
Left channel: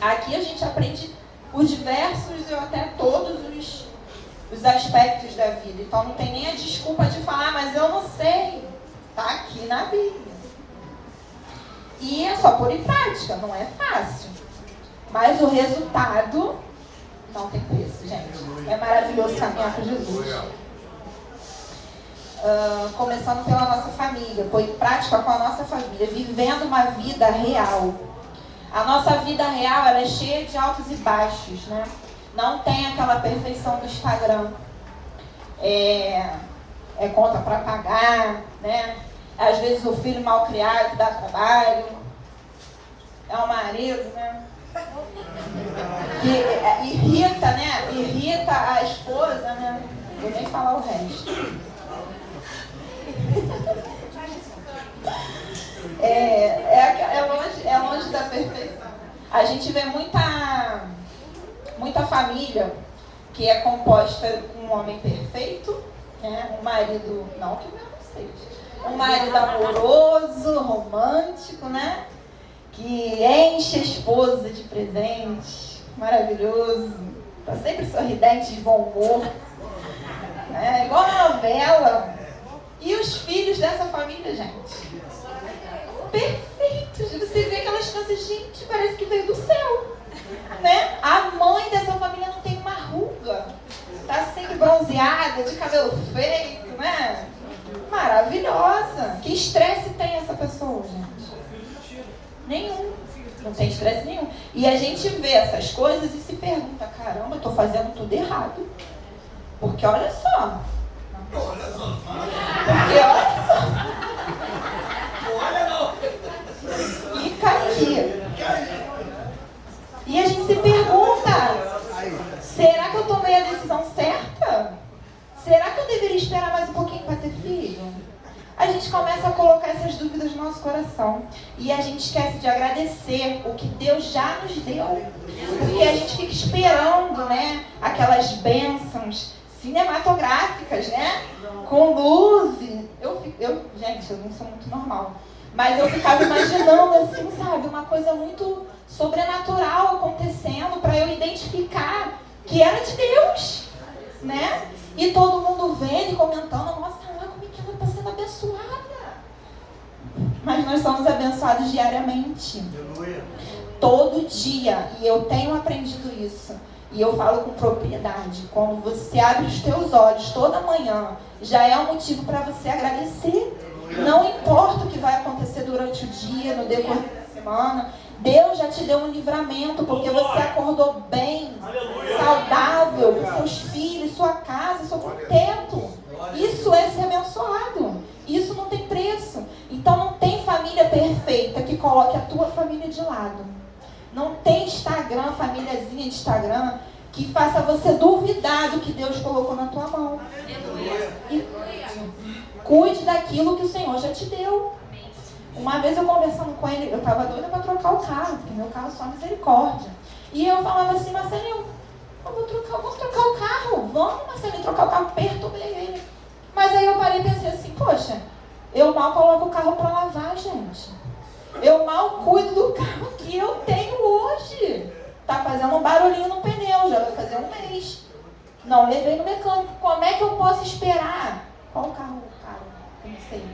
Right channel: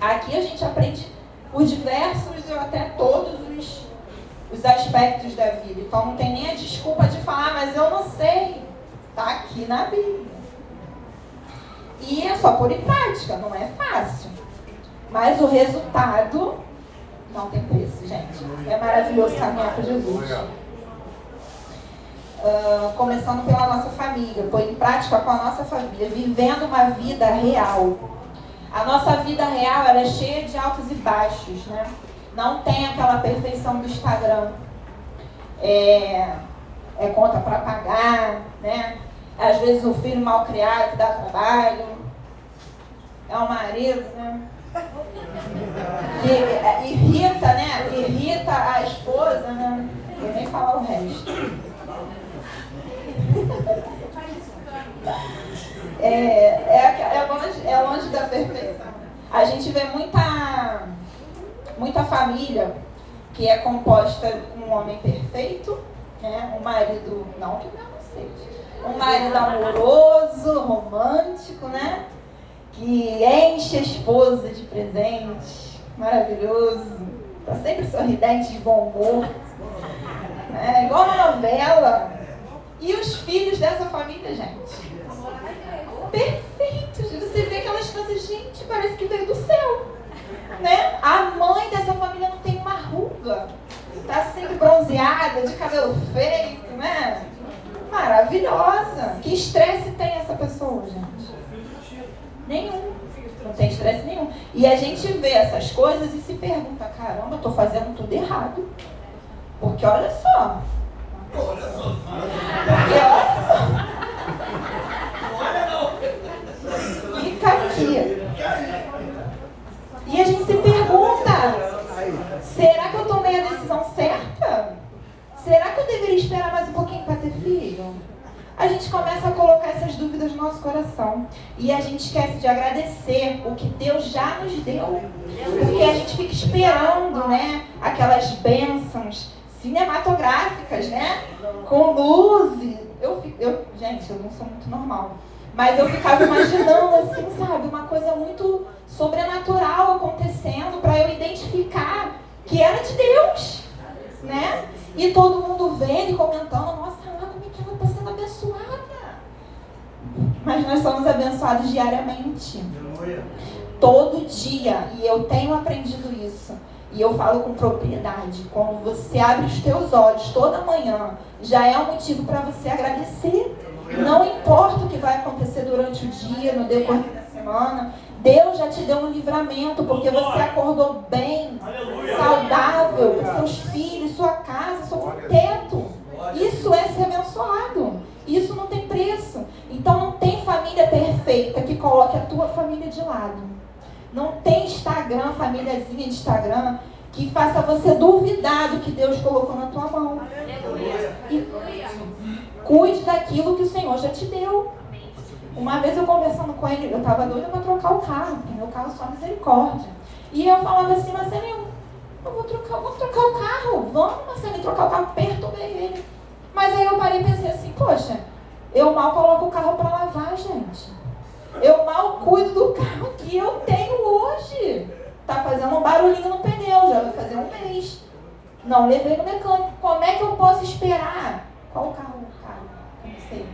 Aqui a gente aprende por diversos ou até todos os aspectos da vida. Então não tem nem a desculpa de falar, mas eu não sei. Está aqui na Bíblia. E é só pôr em prática, não é fácil. Mas o resultado não tem preço, gente. É maravilhoso caminhar com Jesus. Começando pela nossa família, pôr em prática com a nossa família, vivendo uma vida real. A nossa vida real, ela é cheia de altos e baixos, né? Não tem aquela perfeição do Instagram. É conta para pagar, né? Às vezes o filho mal criado que dá trabalho. É o marido, né? Que irrita, né? Irrita a esposa, né? Eu nem falar o resto. É longe da perfeição. A gente vê muita família que é composta com um homem perfeito, né? Um marido, não que não seja, um marido amoroso, romântico, né? Que enche a esposa de presentes, maravilhoso, tá sempre sorridente, de bom humor, né? Igual uma novela. E os filhos dessa família, gente, perfeitos. Você vê aquelas coisas, gente, parece que veio do céu, né? A mãe dessa família não tem uma ruga, tá sempre bronzeada, de cabelo feito, né? Maravilhosa. Que estresse tem essa pessoa, gente? Nenhum. Não tem estresse nenhum. E a gente vê essas coisas e se pergunta, caramba, eu tô fazendo tudo errado. Porque olha só. Porque olha só. Fica aqui. E a gente se pergunta, será que eu tomei a decisão certa? Será que eu deveria esperar mais um pouquinho para ter filho? A gente começa a colocar essas dúvidas no nosso coração. E a gente esquece de agradecer o que Deus já nos deu. Porque a gente fica esperando, né, aquelas bênçãos cinematográficas, né? Com luzes. Gente, eu não sou muito normal. Mas eu ficava imaginando assim, sabe? Uma coisa muito sobrenatural acontecendo para eu identificar que era de Deus, né? E todo mundo vendo e comentando, nossa, olha como é que ela está sendo abençoada. Mas nós somos abençoados diariamente. Todo dia. E eu tenho aprendido isso. E eu falo com propriedade. Quando você abre os teus olhos toda manhã, já é um motivo para você agradecer. Não importa o que vai acontecer durante o dia, no decorrer da semana, Deus já te deu um livramento, porque você acordou bem, saudável, com seus filhos, sua casa, sob um teto. Isso é ser abençoado. Isso não tem preço. Então não tem família perfeita que coloque a tua família de lado. Não tem Instagram, famíliazinha de Instagram, que faça você duvidar do que Deus colocou na tua mão. E cuide daquilo que o Senhor já te deu. Uma vez eu conversando com ele, eu estava doida para trocar o carro, porque meu carro é só misericórdia. E eu falava assim, Marcelinho, vamos trocar o carro. Vamos, Marcelinho, trocar o carro. Perturbei ele. Mas aí eu parei e pensei assim, poxa, eu mal coloco o carro para lavar, gente. Eu mal cuido do carro que eu tenho hoje. Tá fazendo um barulhinho no pneu, já vai fazer um mês. Não levei no mecânico. Como é que eu posso esperar? Qual o carro, cara? Eu não sei.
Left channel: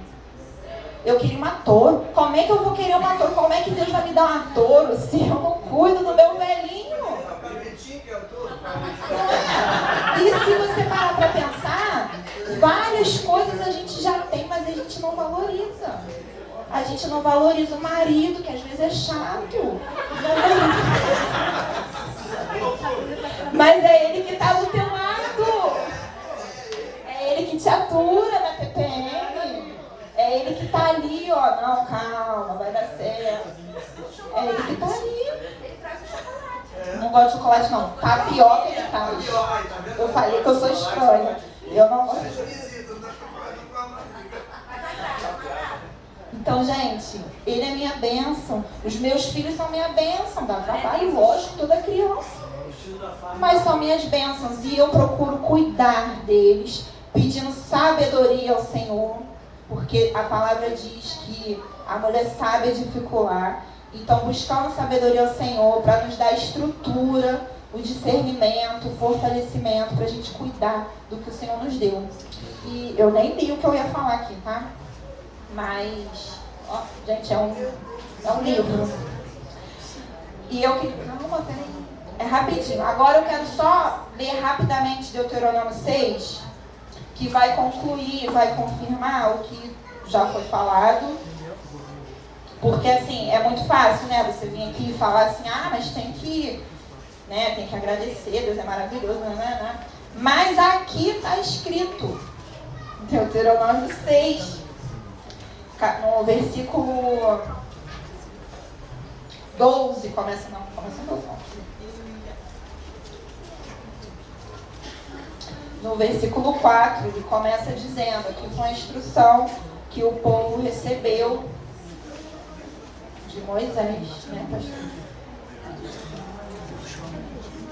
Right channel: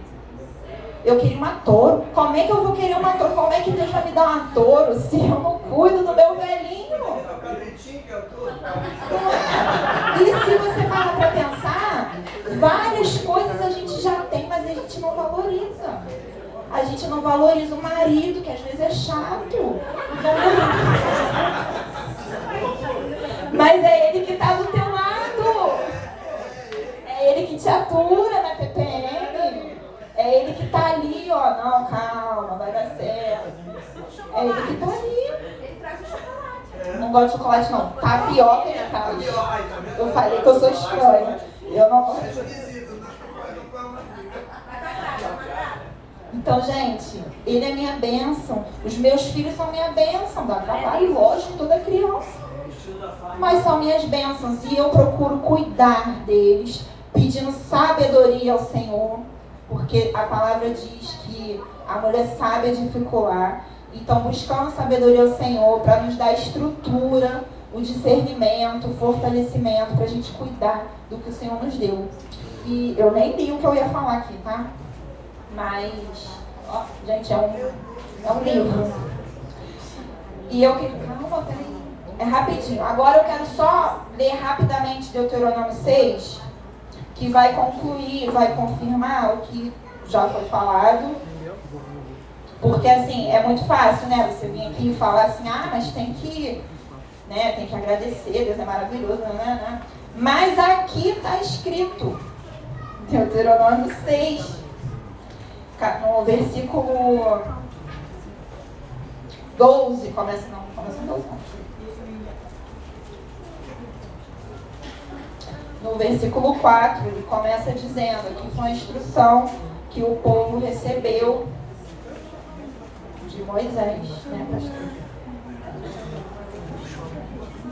Eu queria uma Toro. Como é que eu vou querer uma Toro? Como é que Deus vai me dar uma Toro se eu não cuido do meu velhinho? E se você parar para pensar, várias coisas a gente já tem, mas a gente não valoriza. A gente não valoriza o marido, que às vezes é chato. Mas é ele que está do teu lado. É ele que te atura na TPM. É ele que está ali, ó. Não, calma, vai dar certo. É ele que está ali. Não gosto de chocolate, não. Tapioca ele traz. Eu falei que eu sou estranha. Eu não gosto. Então, gente, ele é minha bênção. Os meus filhos são minha bênção. Dá trabalho, lógico, toda criança. Mas são minhas bênçãos. E eu procuro cuidar deles, pedindo sabedoria ao Senhor, porque a palavra diz que a mulher sábia edifica o lar. Então, buscando sabedoria ao Senhor para nos dar estrutura, o discernimento, o fortalecimento, para a gente cuidar do que o Senhor nos deu. E eu nem li o que eu ia falar aqui, tá? Mas, ó, gente, é um livro. E eu que... Calma, peraí. É rapidinho. Agora eu quero só ler rapidamente Deuteronômio 6, que vai concluir, vai confirmar o que já foi falado. Porque, assim, é muito fácil, né? Você vir aqui e falar assim, mas tem que, né? Tem que agradecer, Deus é maravilhoso, né? Mas aqui está escrito, Deuteronômio 6, no versículo 12, começa em 12, não. No versículo 4, ele começa dizendo que foi uma instrução que o povo recebeu de Moisés, né, pastor?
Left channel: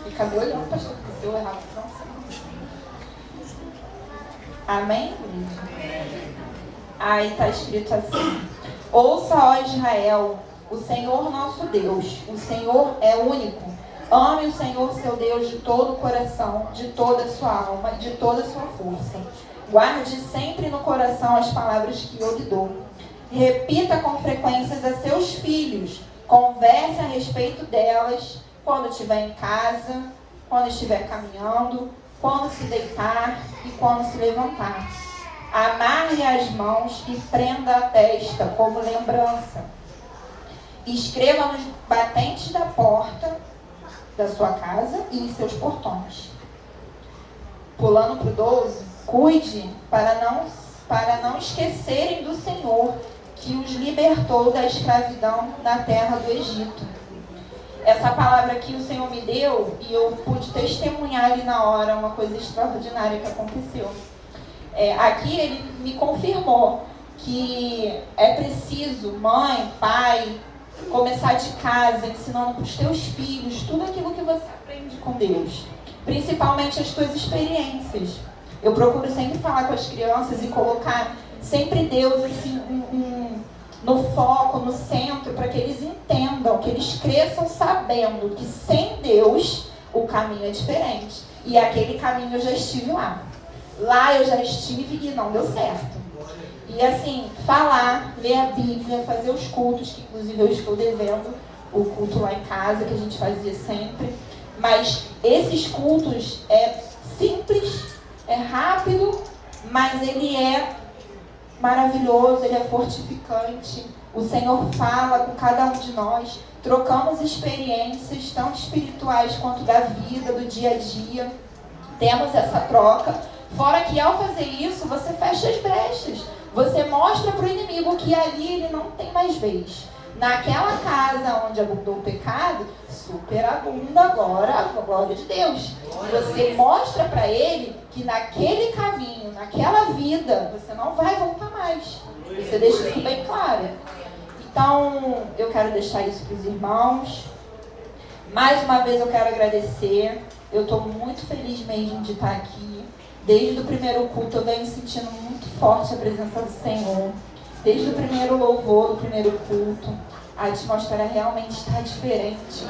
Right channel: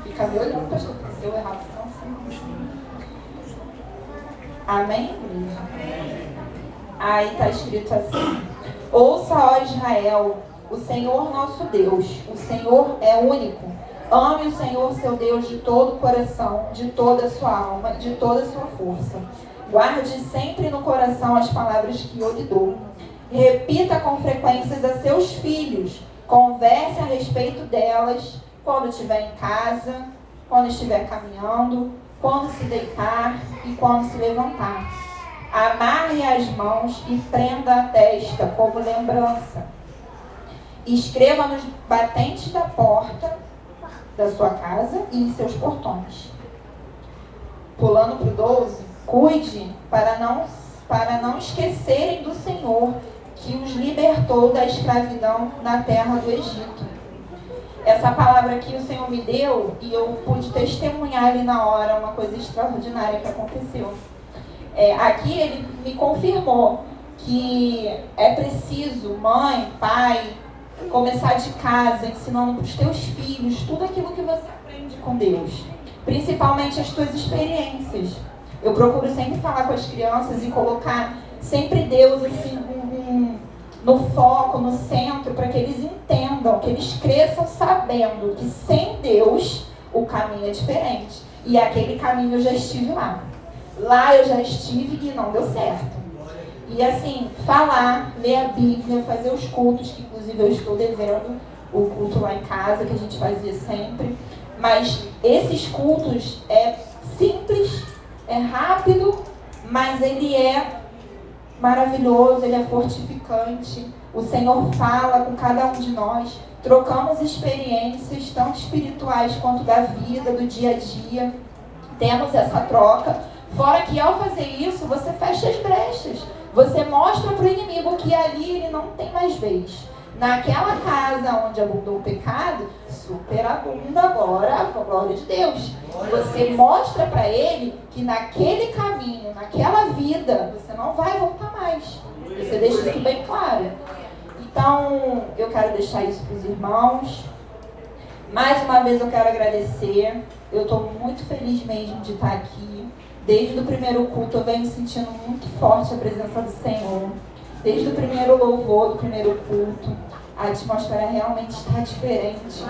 Fica me olhando, pastor, porque se eu errar, não sei. Amém? Aí está escrito assim: ouça, ó Israel, o Senhor nosso Deus, o Senhor é único. Ame o Senhor seu Deus de todo o coração, de toda a sua alma, de toda a sua força. Guarde sempre no coração as palavras que eu lhe dou. Repita com frequência a seus filhos. Converse a respeito delas quando estiver em casa, quando estiver caminhando, quando se deitar e quando se levantar. Amarre as mãos e prenda a testa como lembrança. Escreva nos batentes da porta da sua casa e em seus portões. Pulando para o 12, cuide para não esquecerem do Senhor, que os libertou da escravidão na terra do Egito. Essa palavra aqui o Senhor me deu e eu pude testemunhar ali na hora uma coisa extraordinária que aconteceu. Aqui ele me confirmou que é preciso, mãe, pai, começar de casa, ensinando para os teus filhos tudo aquilo que você aprende com Deus, principalmente as tuas experiências. Eu procuro sempre falar com as crianças e colocar sempre Deus assim, no foco, no centro, para que eles entendam, que eles cresçam sabendo que sem Deus o caminho é diferente. E aquele caminho eu já estive lá. Lá eu já estive e não deu certo. E assim, falar, ler a Bíblia, fazer os cultos, que inclusive eu estou devendo o culto lá em casa, que a gente fazia sempre. Mas esses cultos é simples, é rápido, mas ele é maravilhoso, ele é fortificante. O Senhor fala com cada um de nós, trocamos experiências, tanto espirituais quanto da vida, do dia a dia. Temos essa troca. Fora que ao fazer isso, você fecha as brechas. Você mostra para o inimigo que ali ele não tem mais vez. Naquela casa onde abundou o pecado, superabunda agora a glória de Deus. Você mostra para ele que naquele caminho, naquela vida, você não vai voltar mais. Você deixa isso bem claro. Então, eu quero deixar isso para os irmãos. Mais uma vez eu quero agradecer. Eu estou muito feliz mesmo de estar aqui. Desde o primeiro culto eu venho sentindo muito forte a presença do Senhor. Desde o primeiro louvor, do primeiro culto, a atmosfera realmente está diferente.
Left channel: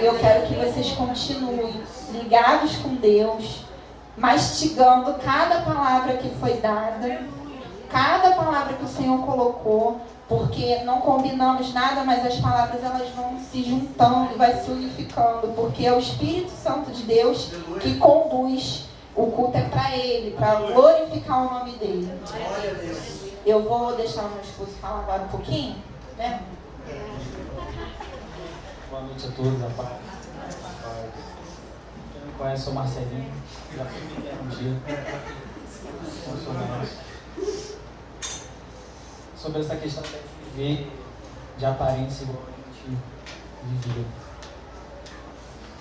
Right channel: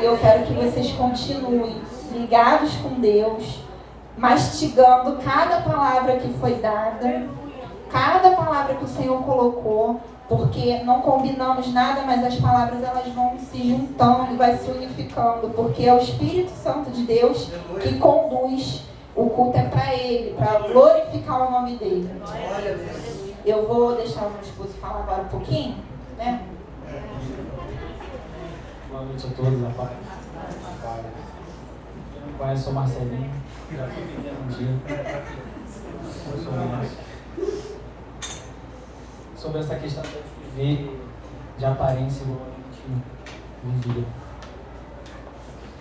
Eu quero que vocês continuem ligados com Deus, mastigando cada palavra que foi dada, cada palavra que o Senhor colocou, porque não combinamos nada, mas as palavras elas vão se juntando e vai se unificando, porque é o Espírito Santo de Deus que conduz. O culto é para Ele, para glorificar o nome dEle. Eu vou deixar o meu esposo falar agora um pouquinho, né? Boa noite a todos, a paz. Quem não conhece, sou Marcelinho. Já fui pequeno um dia. Eu sou honesto. Sobre essa questão de viver de aparência igual a gente vivia.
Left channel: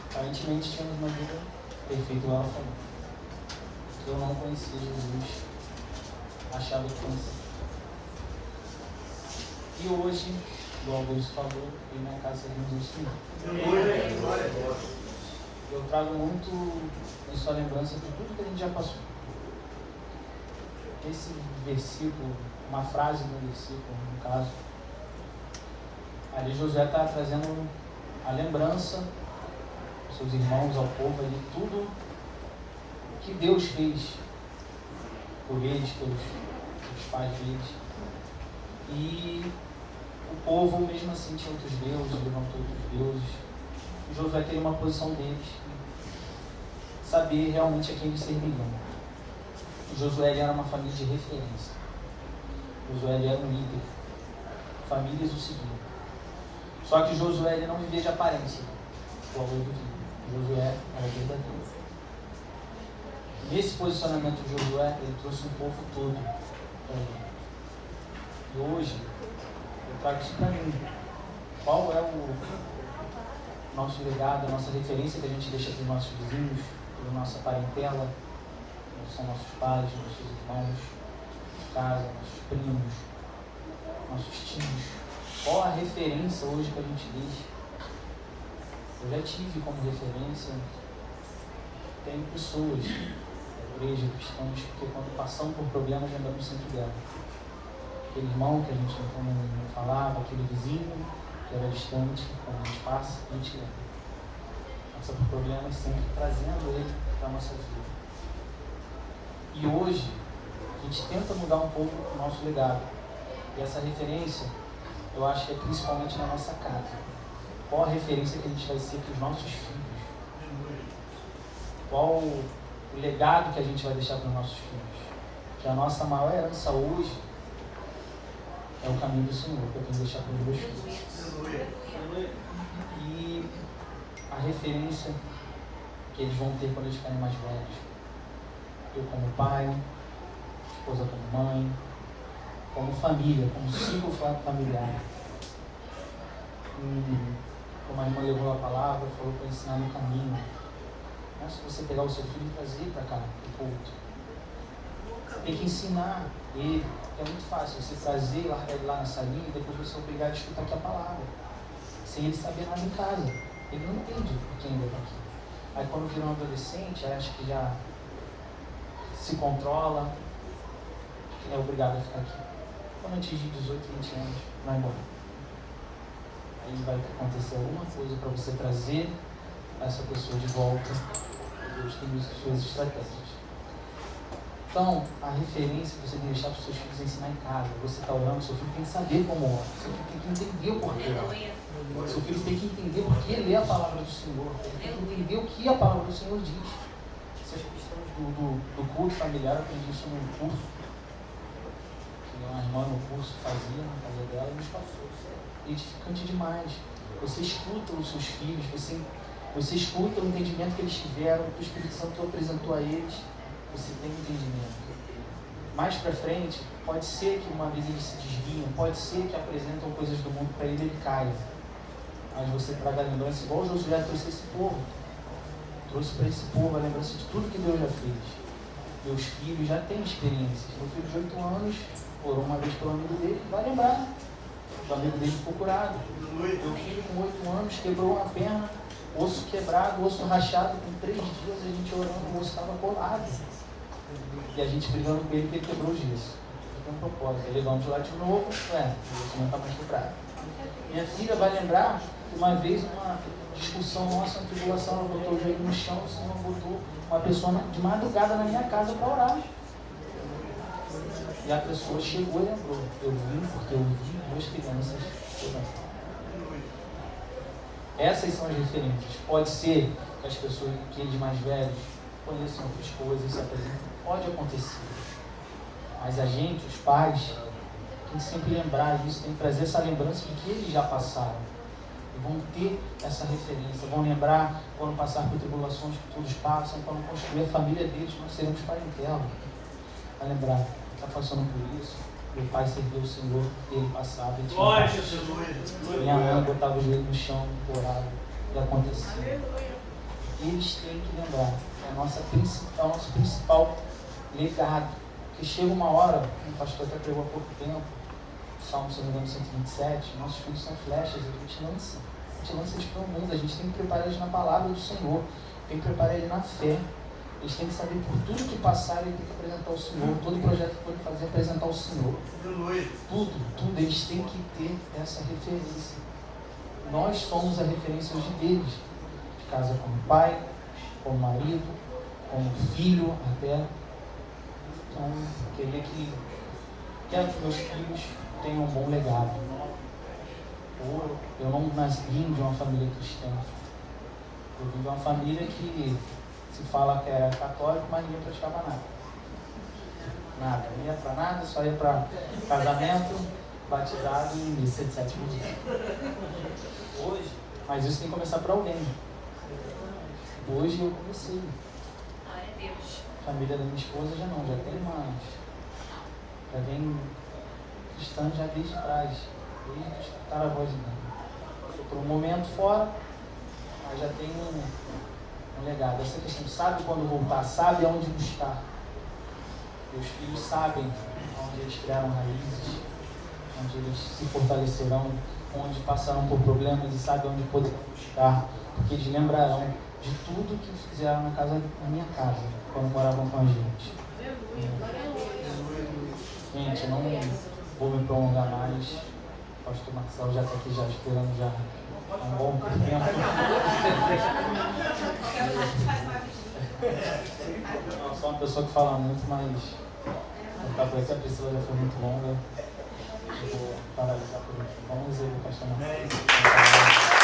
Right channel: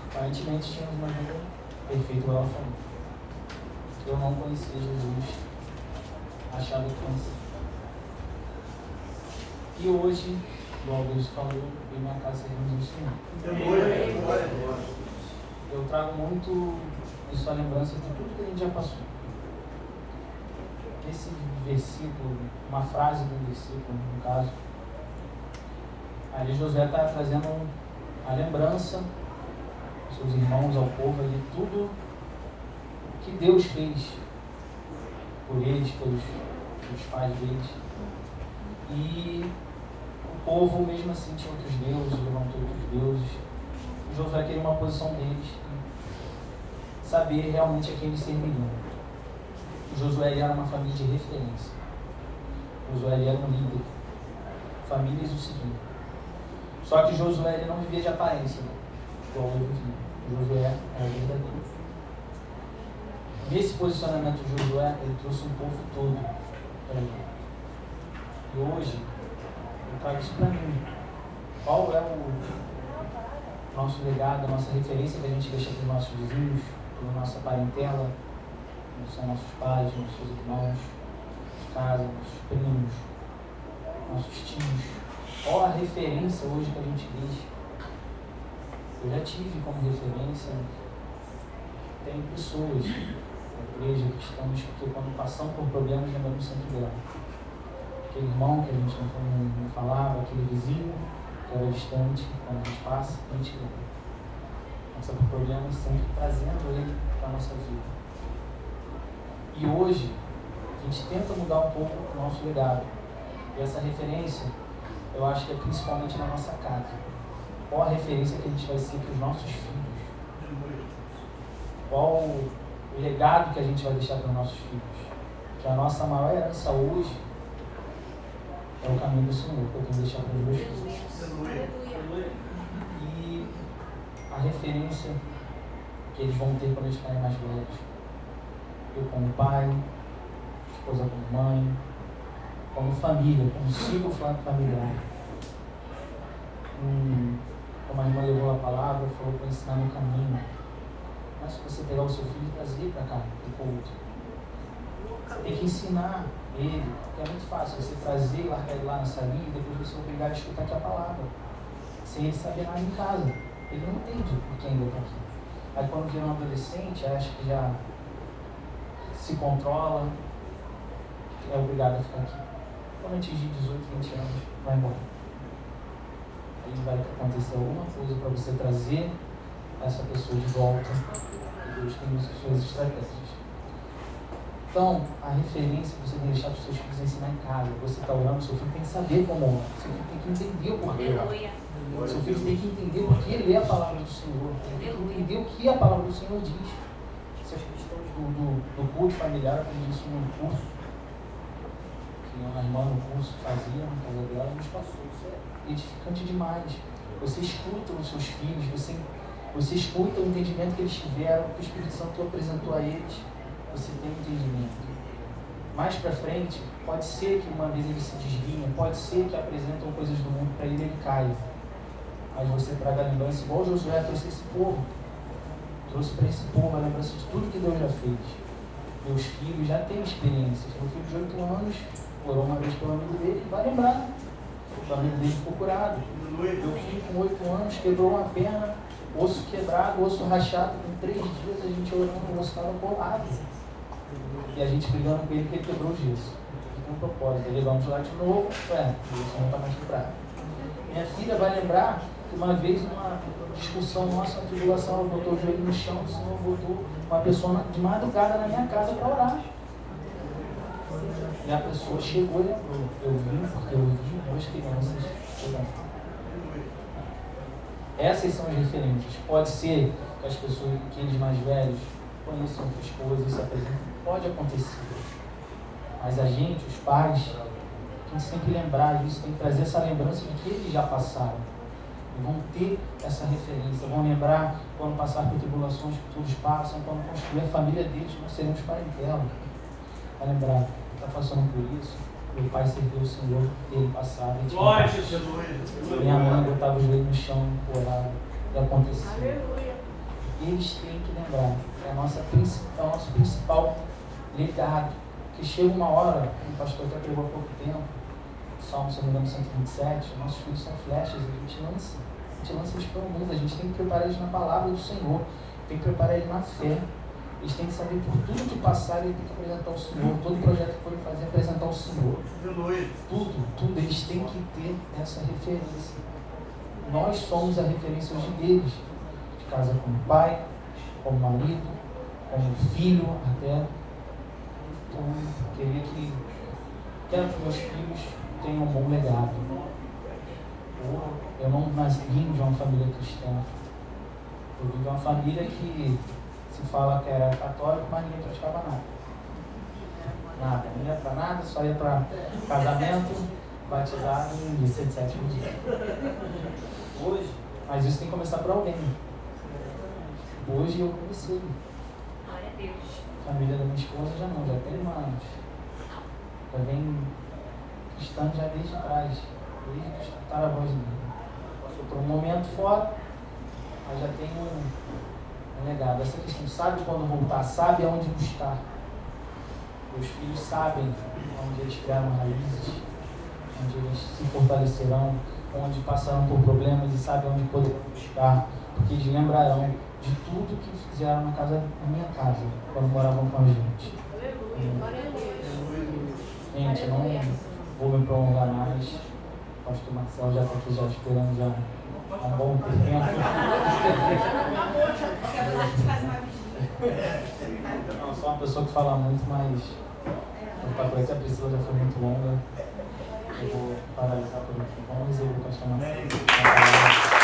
Aparentemente tínhamos uma vida perfeita igual a família. Eu não conhecia Jesus, achava que conhecia. E hoje, igual Deus falou, eu na casa servindo o Senhor. Eu trago muito em sua lembrança de tudo que a gente já passou. nesse versículo, uma frase do versículo, no caso, ali Josué está trazendo a lembrança dos seus irmãos, ao povo, de tudo o que Deus fez por eles, pelos pais deles. E o povo, mesmo assim, tinha outros deuses, levantou outros deuses. E Josué teria uma posição deles, saber realmente a quem eles serviriam. Josué era uma família de referência. Josué era um líder. Famílias o seguiam. Só que Josué ele não vivia de aparência, igual eu vivia. Josué era verdadeiro. Nesse posicionamento de Josué, ele trouxe um povo todo para ele. E hoje, eu trago isso para mim. Qual é o nosso legado, a nossa referência que a gente deixa para os nossos vizinhos, para a nossa parentela, são nossos pais, nossos irmãos, casa, nossos primos, nossos tios. Qual a referência hoje que a gente deixa? Eu já tive como referência, tem pessoas na igreja, cristãos, que quando passam por problemas lembramos sempre dela. Aquele irmão que a gente não falava, aquele vizinho que era distante, quando a gente passa, a gente lembra. Passa por problemas sempre trazendo ele para a nossa vida. E hoje, a gente tenta mudar um pouco o nosso legado. E essa referência, eu acho que é principalmente na nossa casa. Qual a referência que a gente vai ser para os nossos filhos? Qual o legado que a gente vai deixar para os nossos filhos? Que a nossa maior herança hoje é o caminho do Senhor, que eu tenho que deixar para os meus filhos. E a referência que eles vão ter quando eles ficarem mais velhos. Eu como pai, esposa como mãe, como família, como ciclo familiar. Como a irmã levou a palavra, falou para ensinar no caminho. Mas se você pegar o seu filho e trazer para cá, para o culto, você tem que ensinar ele. É muito fácil você trazer e largar ele lá na salinha e depois você obrigar a escutar aqui a palavra, sem ele saber nada em casa. Ele não entende por que ele está aqui. Aí quando vira um adolescente, acha que já se controla, é obrigado a ficar aqui. Quando atingir 18, 20 anos, vai embora. Aí vai acontecer alguma coisa para você trazer essa pessoa de volta. E Deus tem suas estratégias. Então, a referência que você tem que deixar para os seus filhos é ensinar em casa. Você está orando, seu filho tem que saber como orar. Seu filho tem que entender o porquê. Seu filho tem que entender porque ele lê a palavra do Senhor. Ele tem que entender o que a palavra do Senhor diz. Essas questões do culto familiar, eu aprendi isso num curso que uma irmã no curso fazia na casa dela e nos passou. Isso é edificante demais. Você escuta os seus filhos, você escuta o entendimento que eles tiveram, que o Espírito Santo apresentou a eles. Você tem entendimento. Mais para frente, pode ser que uma vez eles se desviam, pode ser que apresentam coisas do mundo para ele caia. Mas você traga a lembrança, igual Josué trouxe esse povo. Trouxe para esse povo a lembrança de tudo que Deus já fez. Meus filhos já têm experiências. Meu filho de 8 anos orou uma vez pelo amigo dele, vai lembrar. O amigo dele ficou curado. Meu filho com 8 anos quebrou uma perna, osso quebrado, osso rachado. Com 3 dias a gente orando, o osso estava colado. E a gente brigando com ele que ele quebrou o gesso. Com um propósito. Ele levamos lá de novo, o osso não está mais quebrado. Minha filha vai lembrar que uma vez, uma discussão nossa, uma tribulação, ela botou o joelho no chão, o Senhor botou uma pessoa de madrugada na minha casa para orar. E a pessoa chegou e lembrou. Eu vim porque eu vi 2 crianças orando. Essas são as referências. Pode ser que as pessoas, que eles mais velhos, conheçam outras coisas, se apresentem. Pode acontecer. Mas a gente, os pais, tem que sempre lembrar disso, tem que trazer essa lembrança de que eles já passaram. E vão ter essa referência, vão lembrar quando passar por tribulações que todos passam, quando construir a família deles, nós seremos parentela. Vai lembrar, está passando por isso. Meu pai serviu o Senhor, ele passava, ele tinha. Minha mãe botava o joelho no chão, orava, e acontecia. Eles têm que lembrar, é o nosso principal legado. Que chega uma hora, como o pastor até pregou há pouco tempo, Salmo 127, nossos filhos são flechas, a gente lança eles para o mundo, a gente tem que preparar eles na palavra do Senhor, tem que preparar eles na fé, eles têm que saber por tudo que passar, eles têm que apresentar o Senhor. Todo projeto que forem fazer, apresentar o Senhor. Tudo, eles têm que ter essa referência. Nós somos a referência hoje deles. De casa como pai, como marido, como filho até. Então, queria que quero que meus filhos tenham um bom legado. Eu não vim de uma família cristã. Eu vim de uma família que se fala que era católico, mas ninguém praticava nada. Nada, não ia para nada, só ia para casamento, batizado e missa de 7º dia. Hoje, mas isso tem que começar para alguém. Hoje eu comecei. A família da minha esposa já não, já tem já vem cristã já desde trás, desde que escutaram a voz de Deus. Passou por um momento fora, mas já tem um legado. Essa questão, sabe quando voltar, sabe aonde buscar. Os filhos sabem onde eles criaram raízes, onde eles se fortalecerão, onde passaram por problemas e sabem onde poderão buscar, porque eles lembrarão de tudo que fizeram na minha casa, quando moravam com a gente. Gente, eu não vou me prolongar mais. Acho que o Marcelo já está aqui já esperando já há um bom tempo. Não, sou uma pessoa que fala muito, mas tá por aí que a pessoa já foi muito longa. Eu vou paralisar por aqui. Vamos resolver o pastor Marcelo.